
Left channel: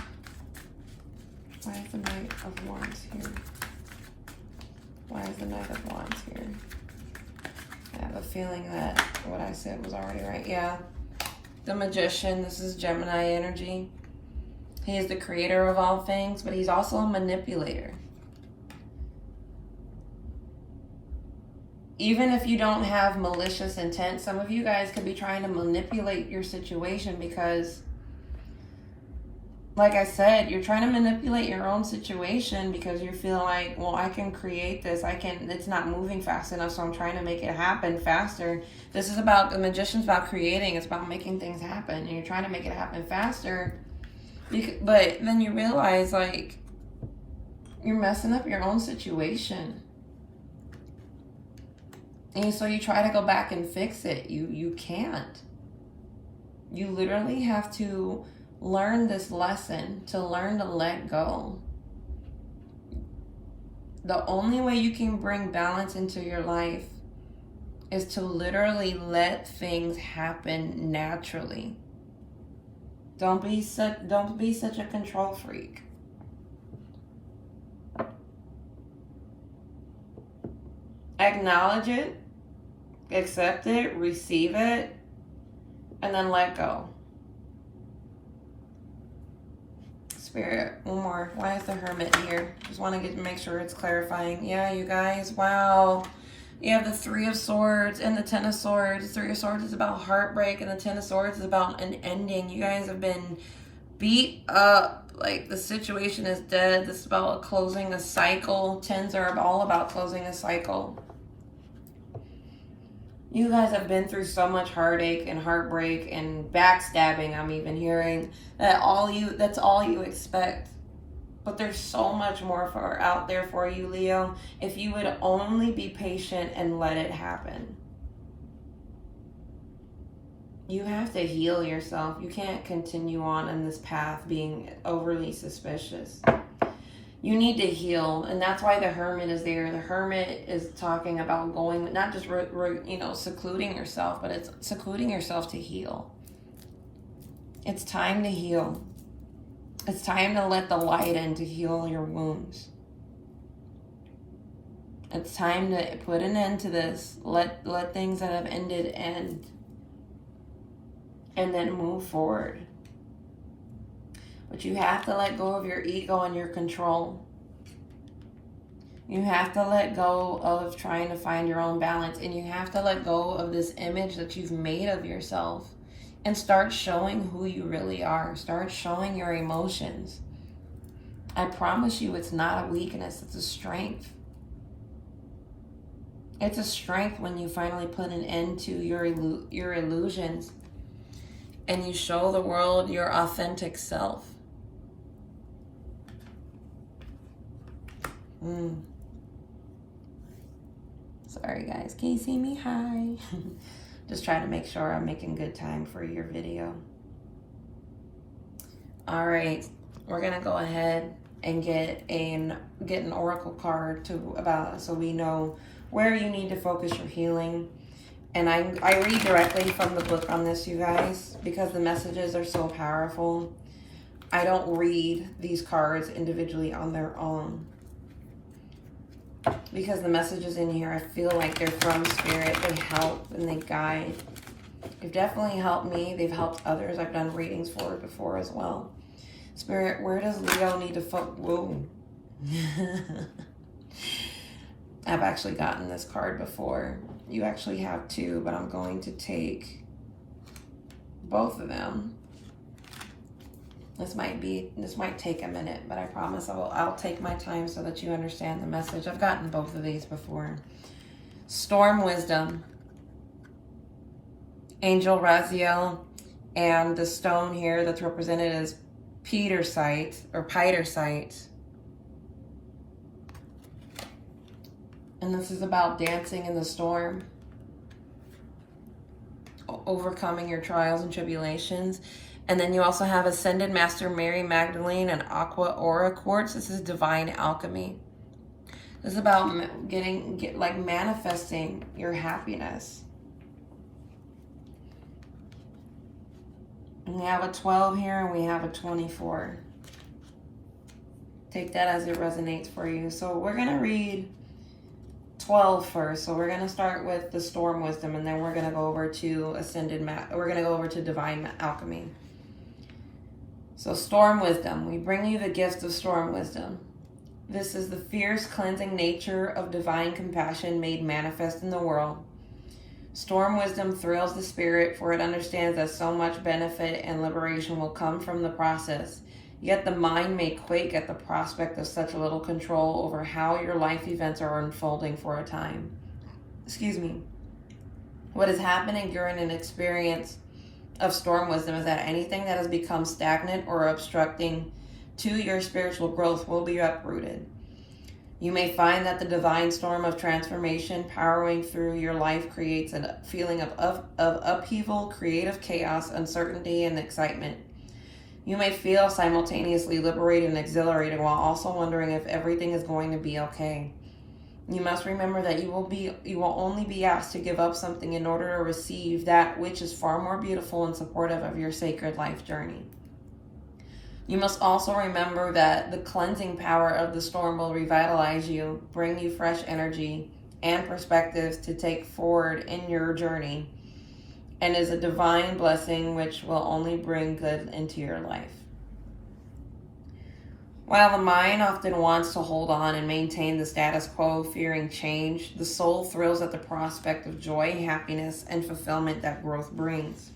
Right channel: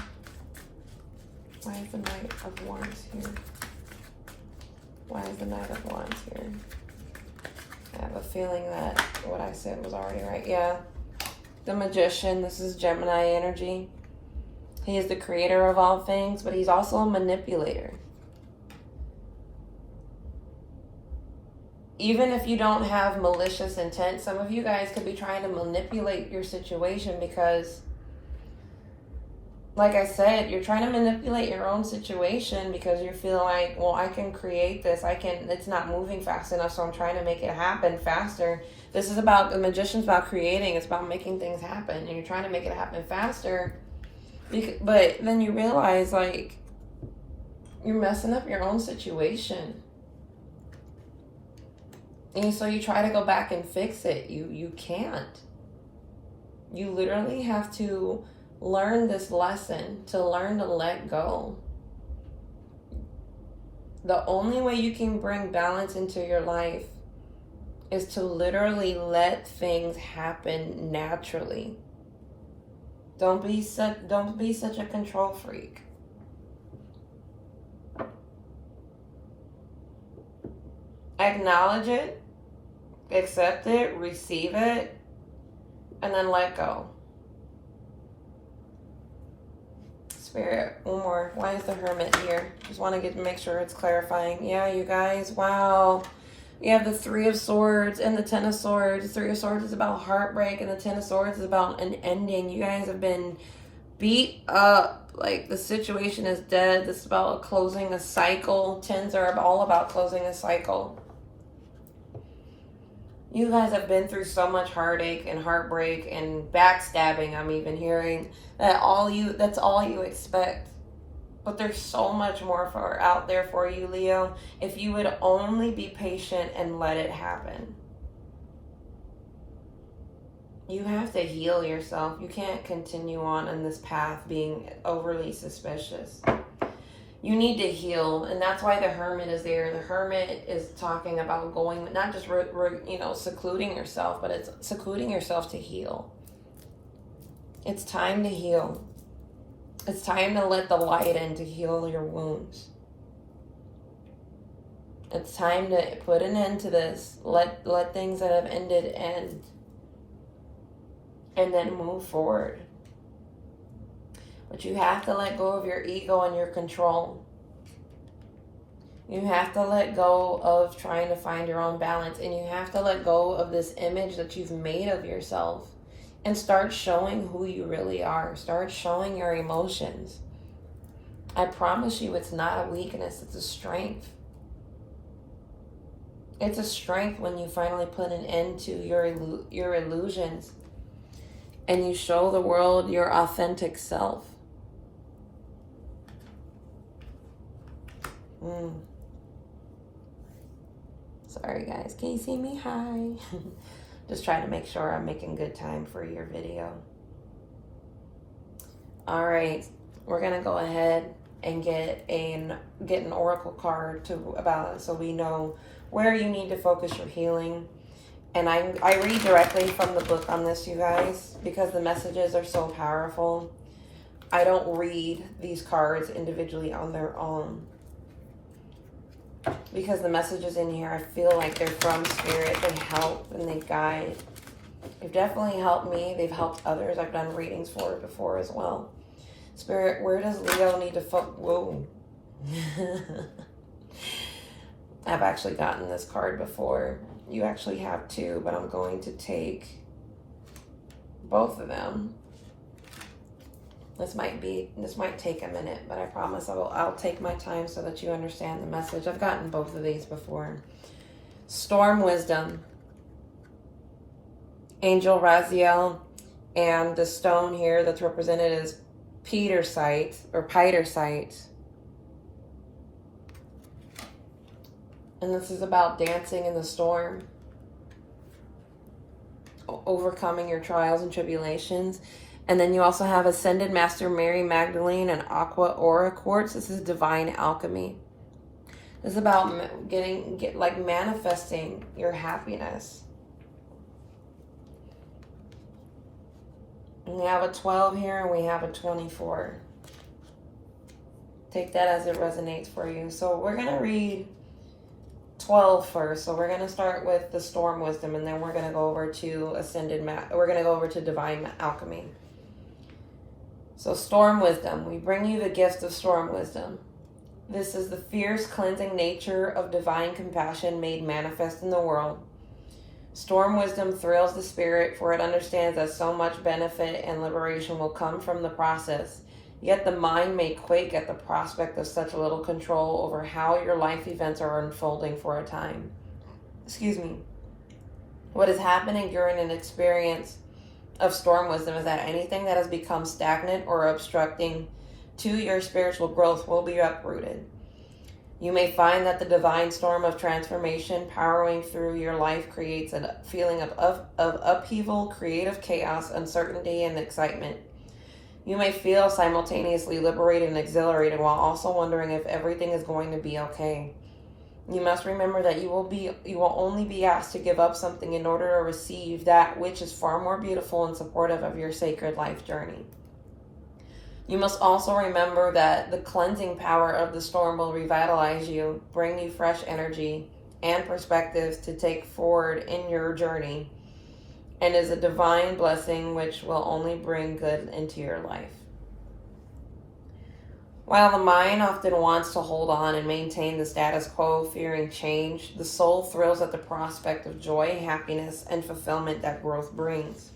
Why is the Knight of Wands here? Why is the Knight of Wands here? I have a feeling that what I said was already right. Yeah. The Magician, this is Gemini energy. He is the creator of all things, but he's also a manipulator. Even if you don't have malicious intent, some of you guys could be trying to manipulate your situation because, like I said, you're trying to manipulate your own situation because you feel like, well, I can create this. It's not moving fast enough, so I'm trying to make it happen faster. This is about, the Magician's about creating. It's about making things happen, and you're trying to make it happen faster. But then you realize, like, You're messing up your own situation. And so you try to go back and fix it. You can't. You literally have to learn this lesson, to learn to let go. The only way you can bring balance into your life is to literally let things happen naturally. Don't be such a control freak. Acknowledge it, accept it, receive it, and then let go. Spirit, one more. Why is the Hermit here? Just want to make sure it's clarifying. Yeah, you guys, wow. You have the Three of Swords and the Ten of Swords. The Three of Swords is about heartbreak, and the Ten of Swords is about an ending. You guys have been beat up. Like, the situation is dead. This is about closing a cycle. Tens are all about closing a cycle. You guys have been through so much heartache and heartbreak and backstabbing, I'm even hearing, that's all you expect. But there's so much more out there for you, Leo, if you would only be patient and let it happen. You have to heal yourself. You can't continue on in this path being overly suspicious. You need to heal, and that's why the Hermit is there. The Hermit is talking about going, not just secluding yourself, but it's secluding yourself to heal. It's time to heal. It's time to let the light in to heal your wounds. It's time to put an end to this. Let things that have ended end, and then move forward. But you have to let go of your ego and your control. You have to let go of trying to find your own balance. And you have to let go of this image that you've made of yourself. And start showing who you really are. Start showing your emotions. I promise you, it's not a weakness. It's a strength. It's a strength when you finally put an end to your illusions. And you show the world your authentic self. Sorry guys, can you see me? Hi. Just trying to make sure I'm making good time for your video. All right, we're gonna go ahead and get an oracle card so we know where you need to focus your healing. And I read directly from the book on this, you guys, because the messages are so powerful. I don't read these cards individually on their own, because the messages in here, I feel like they're from Spirit. They help and they guide. They've definitely helped me. They've helped others I've done readings for before as well. Spirit, where does Leo need to focus? Whoa. I've actually gotten this card before. You actually have two, but I'm going to take both of them. This might take a minute, but I promise I'll take my time so that you understand the message. I've gotten both of these before. Storm Wisdom, Angel Raziel, and the stone here that's represented as Petersite or Pitersite. And this is about dancing in the storm, overcoming your trials and tribulations. And then you also have Ascended Master Mary Magdalene and Aqua Aura Quartz. This is divine alchemy. This is about manifesting your happiness. And we have a 12 here and we have a 24. Take that as it resonates for you. So we're going to read 12 first. So we're going to start with the Storm Wisdom, and then we're going to go over to we're going to go over to divine alchemy. So Storm Wisdom, we bring you the gift of Storm Wisdom. This is the fierce cleansing nature of divine compassion made manifest in the world. Storm Wisdom thrills the spirit, for it understands that so much benefit and liberation will come from the process. Yet the mind may quake at the prospect of such little control over how your life events are unfolding for a time. What is happening during an experience of Storm Wisdom is that anything that has become stagnant or obstructing to your spiritual growth will be uprooted. You may find that the divine storm of transformation powering through your life creates a feeling of upheaval, creative chaos, uncertainty, and excitement. You may feel simultaneously liberated and exhilarated while also wondering if everything is going to be okay. You must remember that you will only be asked to give up something in order to receive that which is far more beautiful and supportive of your sacred life journey. You must also remember that the cleansing power of the storm will revitalize you, bring you fresh energy and perspectives to take forward in your journey, and is a divine blessing which will only bring good into your life. While the mind often wants to hold on and maintain the status quo, fearing change, the soul thrills at the prospect of joy, happiness, and fulfillment that growth brings.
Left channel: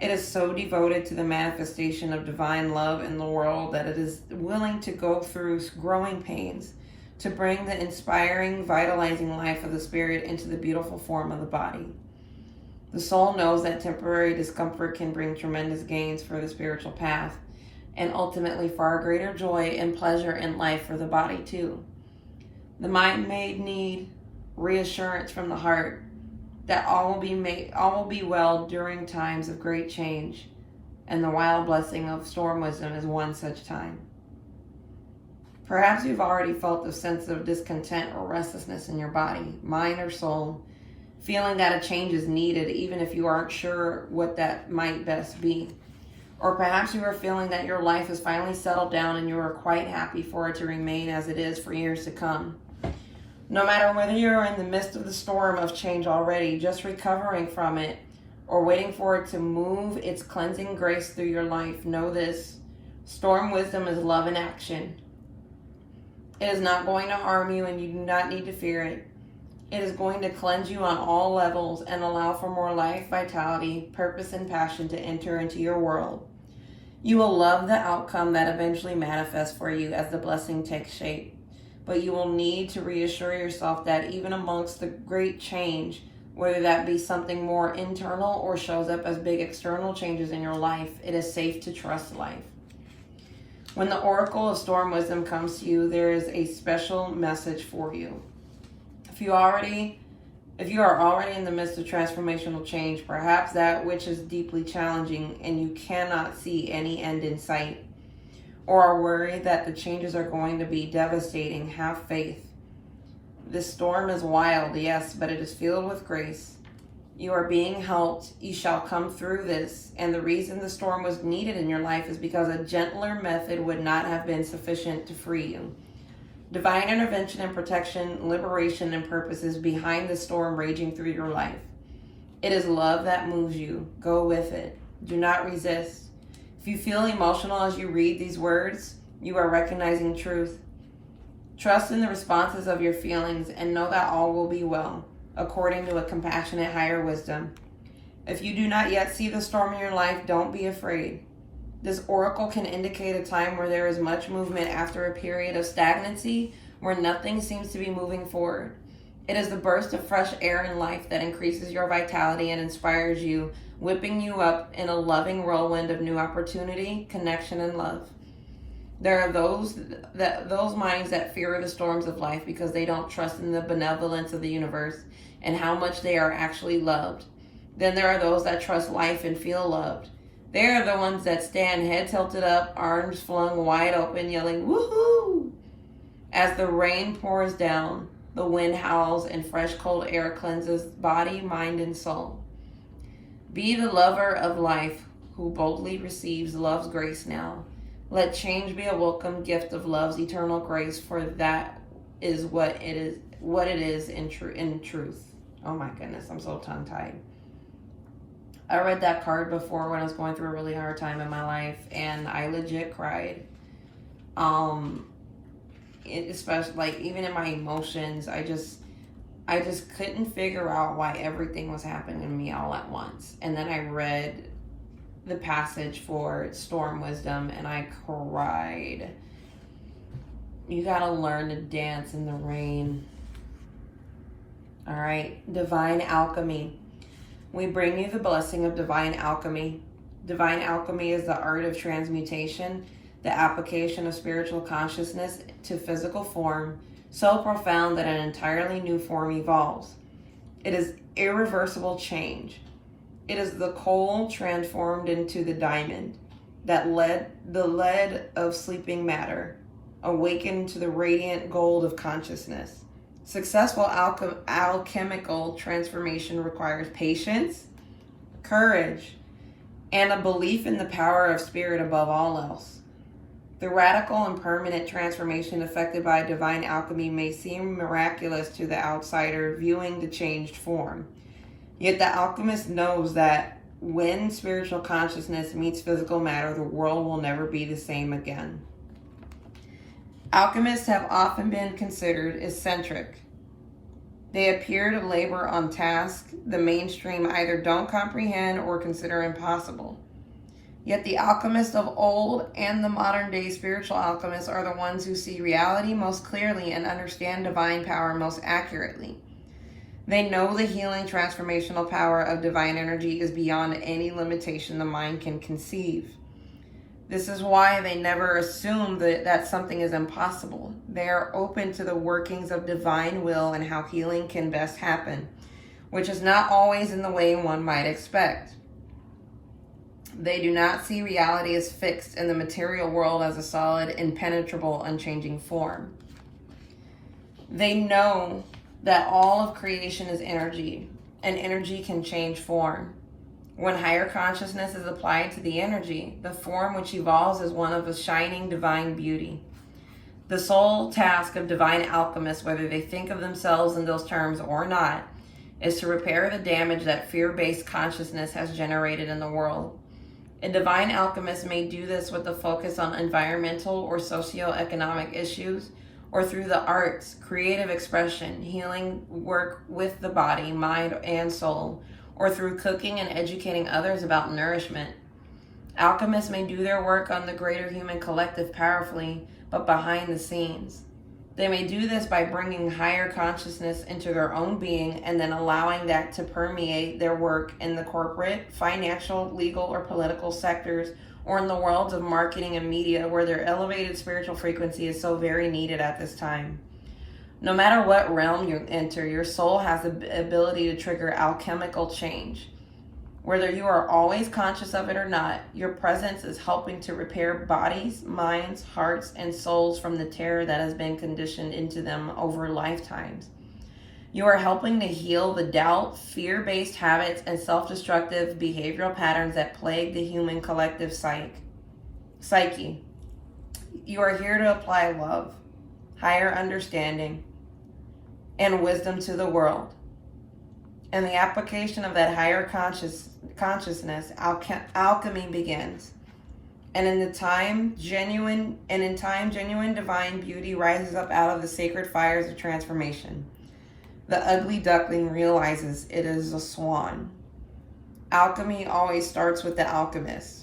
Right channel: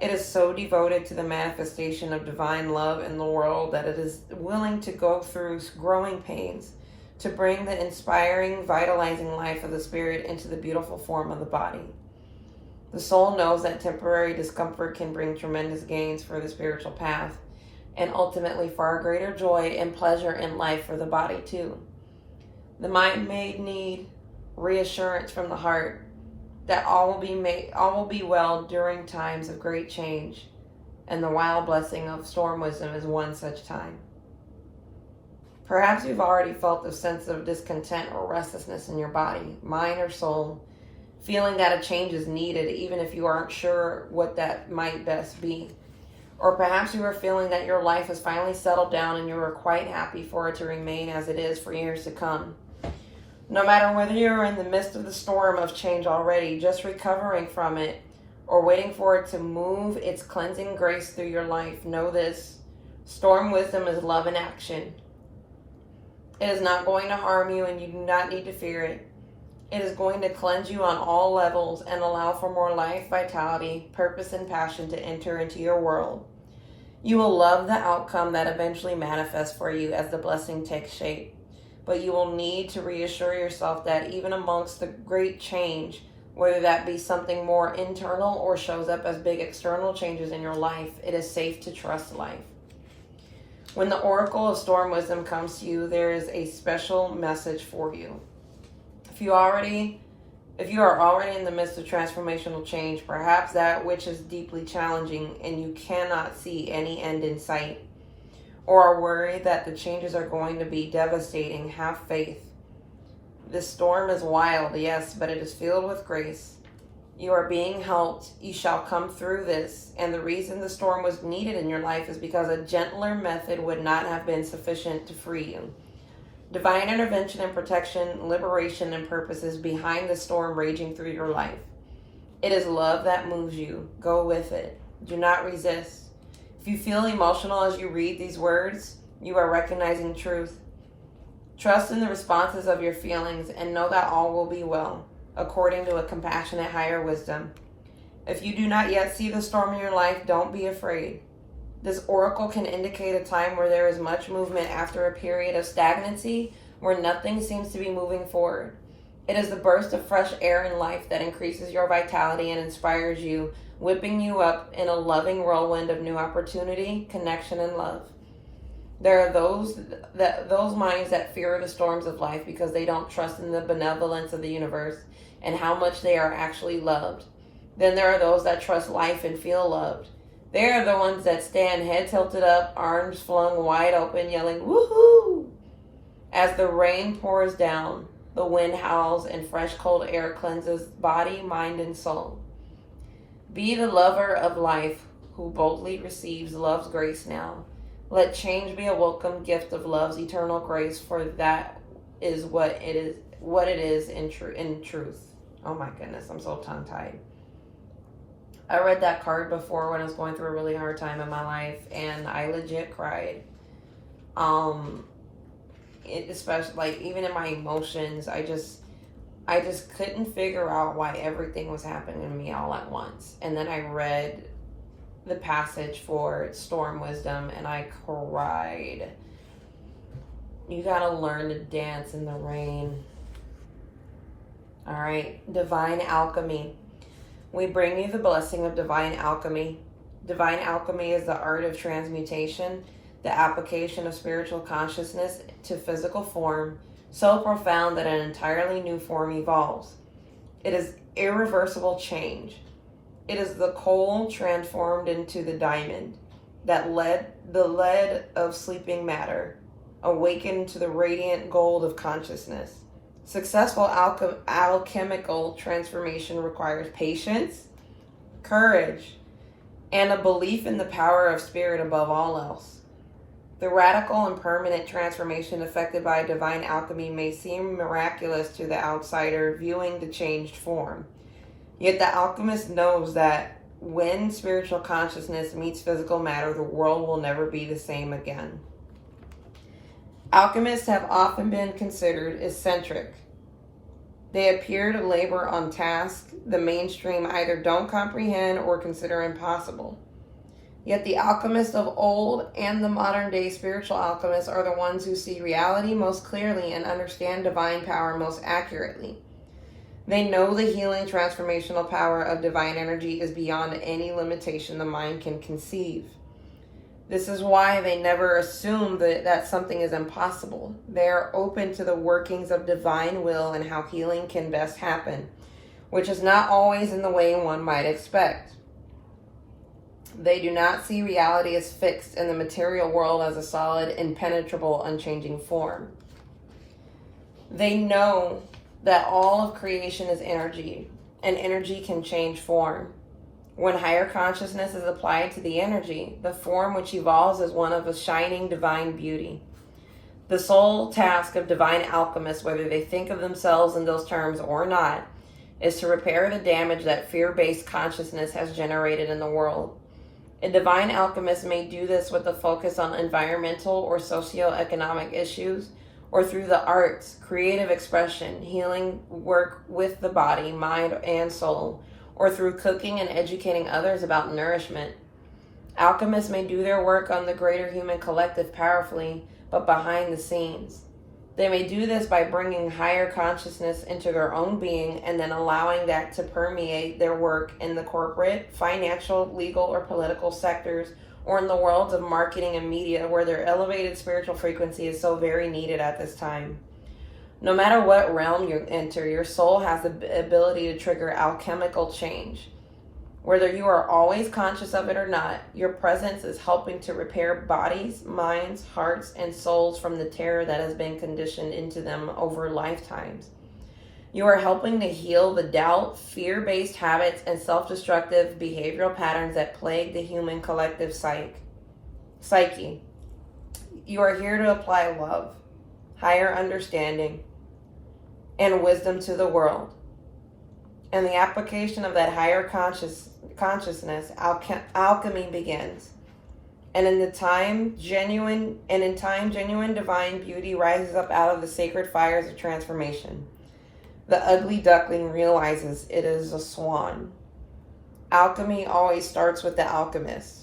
It is so devoted to the manifestation of divine love in the world that it is willing to go through growing pains to bring the inspiring, vitalizing life of the spirit into the beautiful form of the body. The soul knows that temporary discomfort can bring tremendous gains for the spiritual path, and ultimately far greater joy and pleasure in life for the body too. The mind may need reassurance from the heart that all will be well during times of great change, and the wild blessing of storm wisdom is one such time. Perhaps you've already felt a sense of discontent or restlessness in your body, mind, or soul, feeling that a change is needed even if you aren't sure what that might best be. Or perhaps you are feeling that your life has finally settled down and you are quite happy for it to remain as it is for years to come. No matter whether you're in the midst of the storm of change already, just recovering from it, or waiting for it to move its cleansing grace through your life, know this: storm wisdom is love in action. It is not going to harm you, and you do not need to fear it. It is going to cleanse you on all levels and allow for more life, vitality, purpose, and passion to enter into your world. You will love the outcome that eventually manifests for you as the blessing takes shape. But you will need to reassure yourself that even amongst the great change, whether that be something more internal or shows up as big external changes in your life, it is safe to trust life. When the oracle of storm wisdom comes to you, there is a special message for you. If you are already in the midst of transformational change, perhaps that which is deeply challenging and you cannot see any end in sight, or are worried that the changes are going to be devastating, have faith. This storm is wild, yes, but it is filled with grace. You are being helped. You shall come through this. And the reason the storm was needed in your life is because a gentler method would not have been sufficient to free you. Divine intervention and protection, liberation, and purpose is behind the storm raging through your life. It is love that moves you. Go with it. Do not resist. If you feel emotional as you read these words, you are recognizing truth. Trust in the responses of your feelings and know that all will be well, according to a compassionate higher wisdom. If you do not yet see the storm in your life, don't be afraid. This oracle can indicate a time where there is much movement after a period of stagnancy where nothing seems to be moving forward. It is the burst of fresh air in life that increases your vitality and inspires you, whipping you up in a loving whirlwind of new opportunity, connection, and love. There are those minds that fear the storms of life because they don't trust in the benevolence of the universe and how much they are actually loved. Then there are those that trust life and feel loved. They are the ones that stand head tilted up, arms flung wide open, yelling, "Woohoo!" As the rain pours down, the wind howls, and fresh cold air cleanses body, mind, and soul. Be the lover of life who boldly receives love's grace now. Let change be a welcome gift of love's eternal grace, for that is what it is in truth. Oh my goodness, I'm so tongue-tied. I read that card before when I was going through a really hard time in my life, and I legit cried. Especially like even in my emotions, I just couldn't figure out why everything was happening to me all at once. And then I read the passage for storm wisdom and I cried. You gotta learn to dance in the rain. All right, divine alchemy. We bring you the blessing of divine alchemy. Divine alchemy is the art of transmutation, the application of spiritual consciousness to physical form, so profound that an entirely new form evolves. It is irreversible change. It is the coal transformed into the diamond, the lead of sleeping matter, awakened to the radiant gold of consciousness. Successful alchemical transformation requires patience, courage, and a belief in the power of spirit above all else. The radical and permanent transformation effected by divine alchemy may seem miraculous to the outsider viewing the changed form. Yet the alchemist knows that when spiritual consciousness meets physical matter, the world will never be the same again. Alchemists have often been considered eccentric. They appear to labor on tasks the mainstream either don't comprehend or consider impossible. Yet the alchemists of old and the modern day spiritual alchemists are the ones who see reality most clearly and understand divine power most accurately. They know the healing transformational power of divine energy is beyond any limitation the mind can conceive. This is why they never assume that something is impossible. They are open to the workings of divine will and how healing can best happen, which is not always in the way one might expect. They do not see reality as fixed and the material world as a solid, impenetrable, unchanging form. They know that all of creation is energy, and energy can change form. When higher consciousness is applied to the energy, the form which evolves is one of a shining divine beauty. The sole task of divine alchemists, whether they think of themselves in those terms or not, is to repair the damage that fear-based consciousness has generated in the world. A divine alchemist may do this with a focus on environmental or socio-economic issues, or through the arts, creative expression, healing work with the body, mind, and soul, or through cooking and educating others about nourishment. Alchemists may do their work on the greater human collective powerfully, but behind the scenes. They may do this by bringing higher consciousness into their own being and then allowing that to permeate their work in the corporate, financial, legal, or political sectors, or in the worlds of marketing and media where their elevated spiritual frequency is so very needed at this time. No matter what realm you enter, your soul has the ability to trigger alchemical change. Whether you are always conscious of it or not, your presence is helping to repair bodies, minds, hearts, and souls from the terror that has been conditioned into them over lifetimes. You are helping to heal the doubt, fear-based habits, and self-destructive behavioral patterns that plague the human collective psyche. You are here to apply love, higher understanding, and wisdom to the world. And the application of that higher consciousness, alchemy begins. And in time, genuine divine beauty rises up out of the sacred fires of transformation. The ugly duckling realizes it is a swan. Alchemy always starts with the alchemist.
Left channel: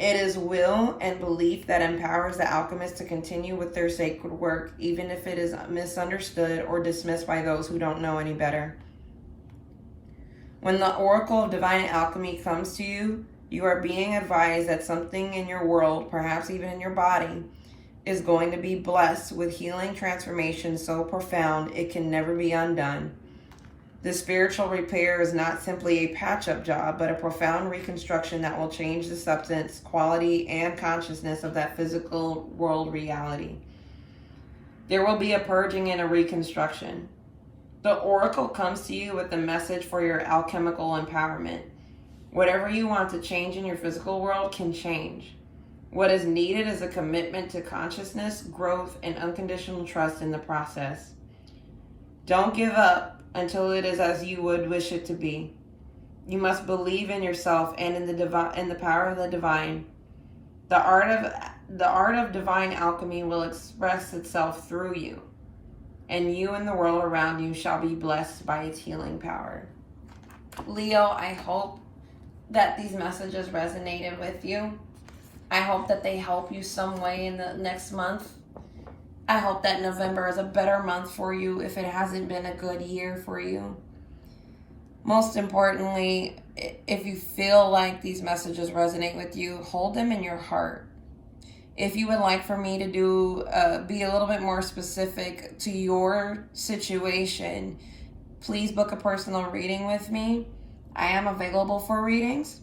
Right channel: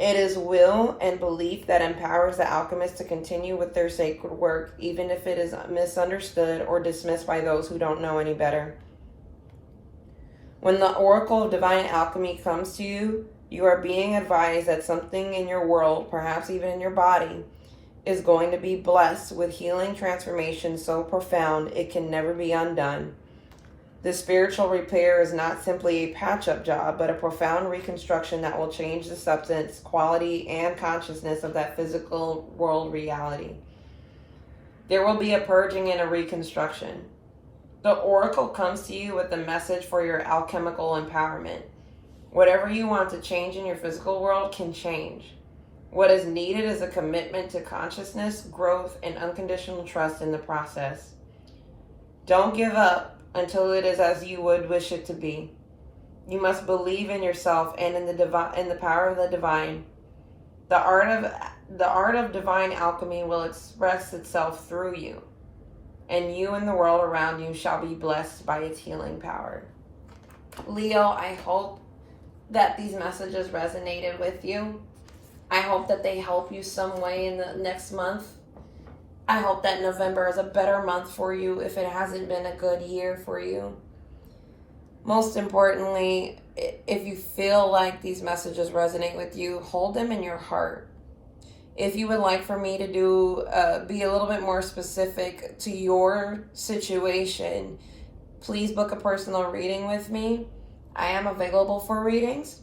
It is will and belief that empowers the alchemist to continue with their sacred work, even if it is misunderstood or dismissed by those who don't know any better. When the oracle of divine alchemy comes to you, you are being advised that something in your world, perhaps even in your body, is going to be blessed with healing transformation so profound it can never be undone. The spiritual repair is not simply a patch-up job, but a profound reconstruction that will change the substance, quality, and consciousness of that physical world reality. There will be a purging and a reconstruction. The oracle comes to you with a message for your alchemical empowerment. Whatever you want to change in your physical world can change. What is needed is a commitment to consciousness, growth, and unconditional trust in the process. Don't give up until it is as you would wish it to be. You must believe in yourself and in the power of the divine. The art of divine alchemy will express itself through you, and you and the world around you shall be blessed by its healing power. Leo, I hope that these messages resonated with you. I hope that they help you some way in the next month. I hope that November is a better month for you if it hasn't been a good year for you. Most importantly, if you feel like these messages resonate with you, hold them in your heart. If you would like for me to do be a little bit more specific to your situation, please book a personal reading with me. I am available for readings.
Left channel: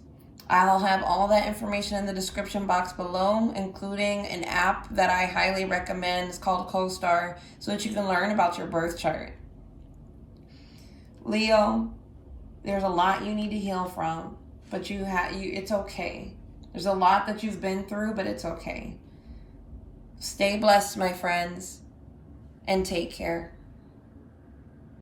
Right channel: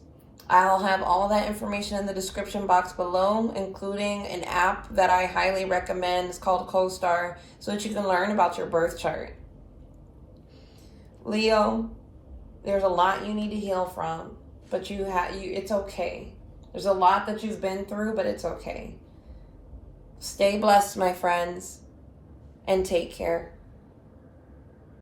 I'll have all that information in the description box below, including an app that I highly recommend. It's called CoStar, so that you can learn about your birth chart. Leo, there's a lot you need to heal from, but it's okay. There's a lot that you've been through, but it's okay. Stay blessed, my friends, and take care.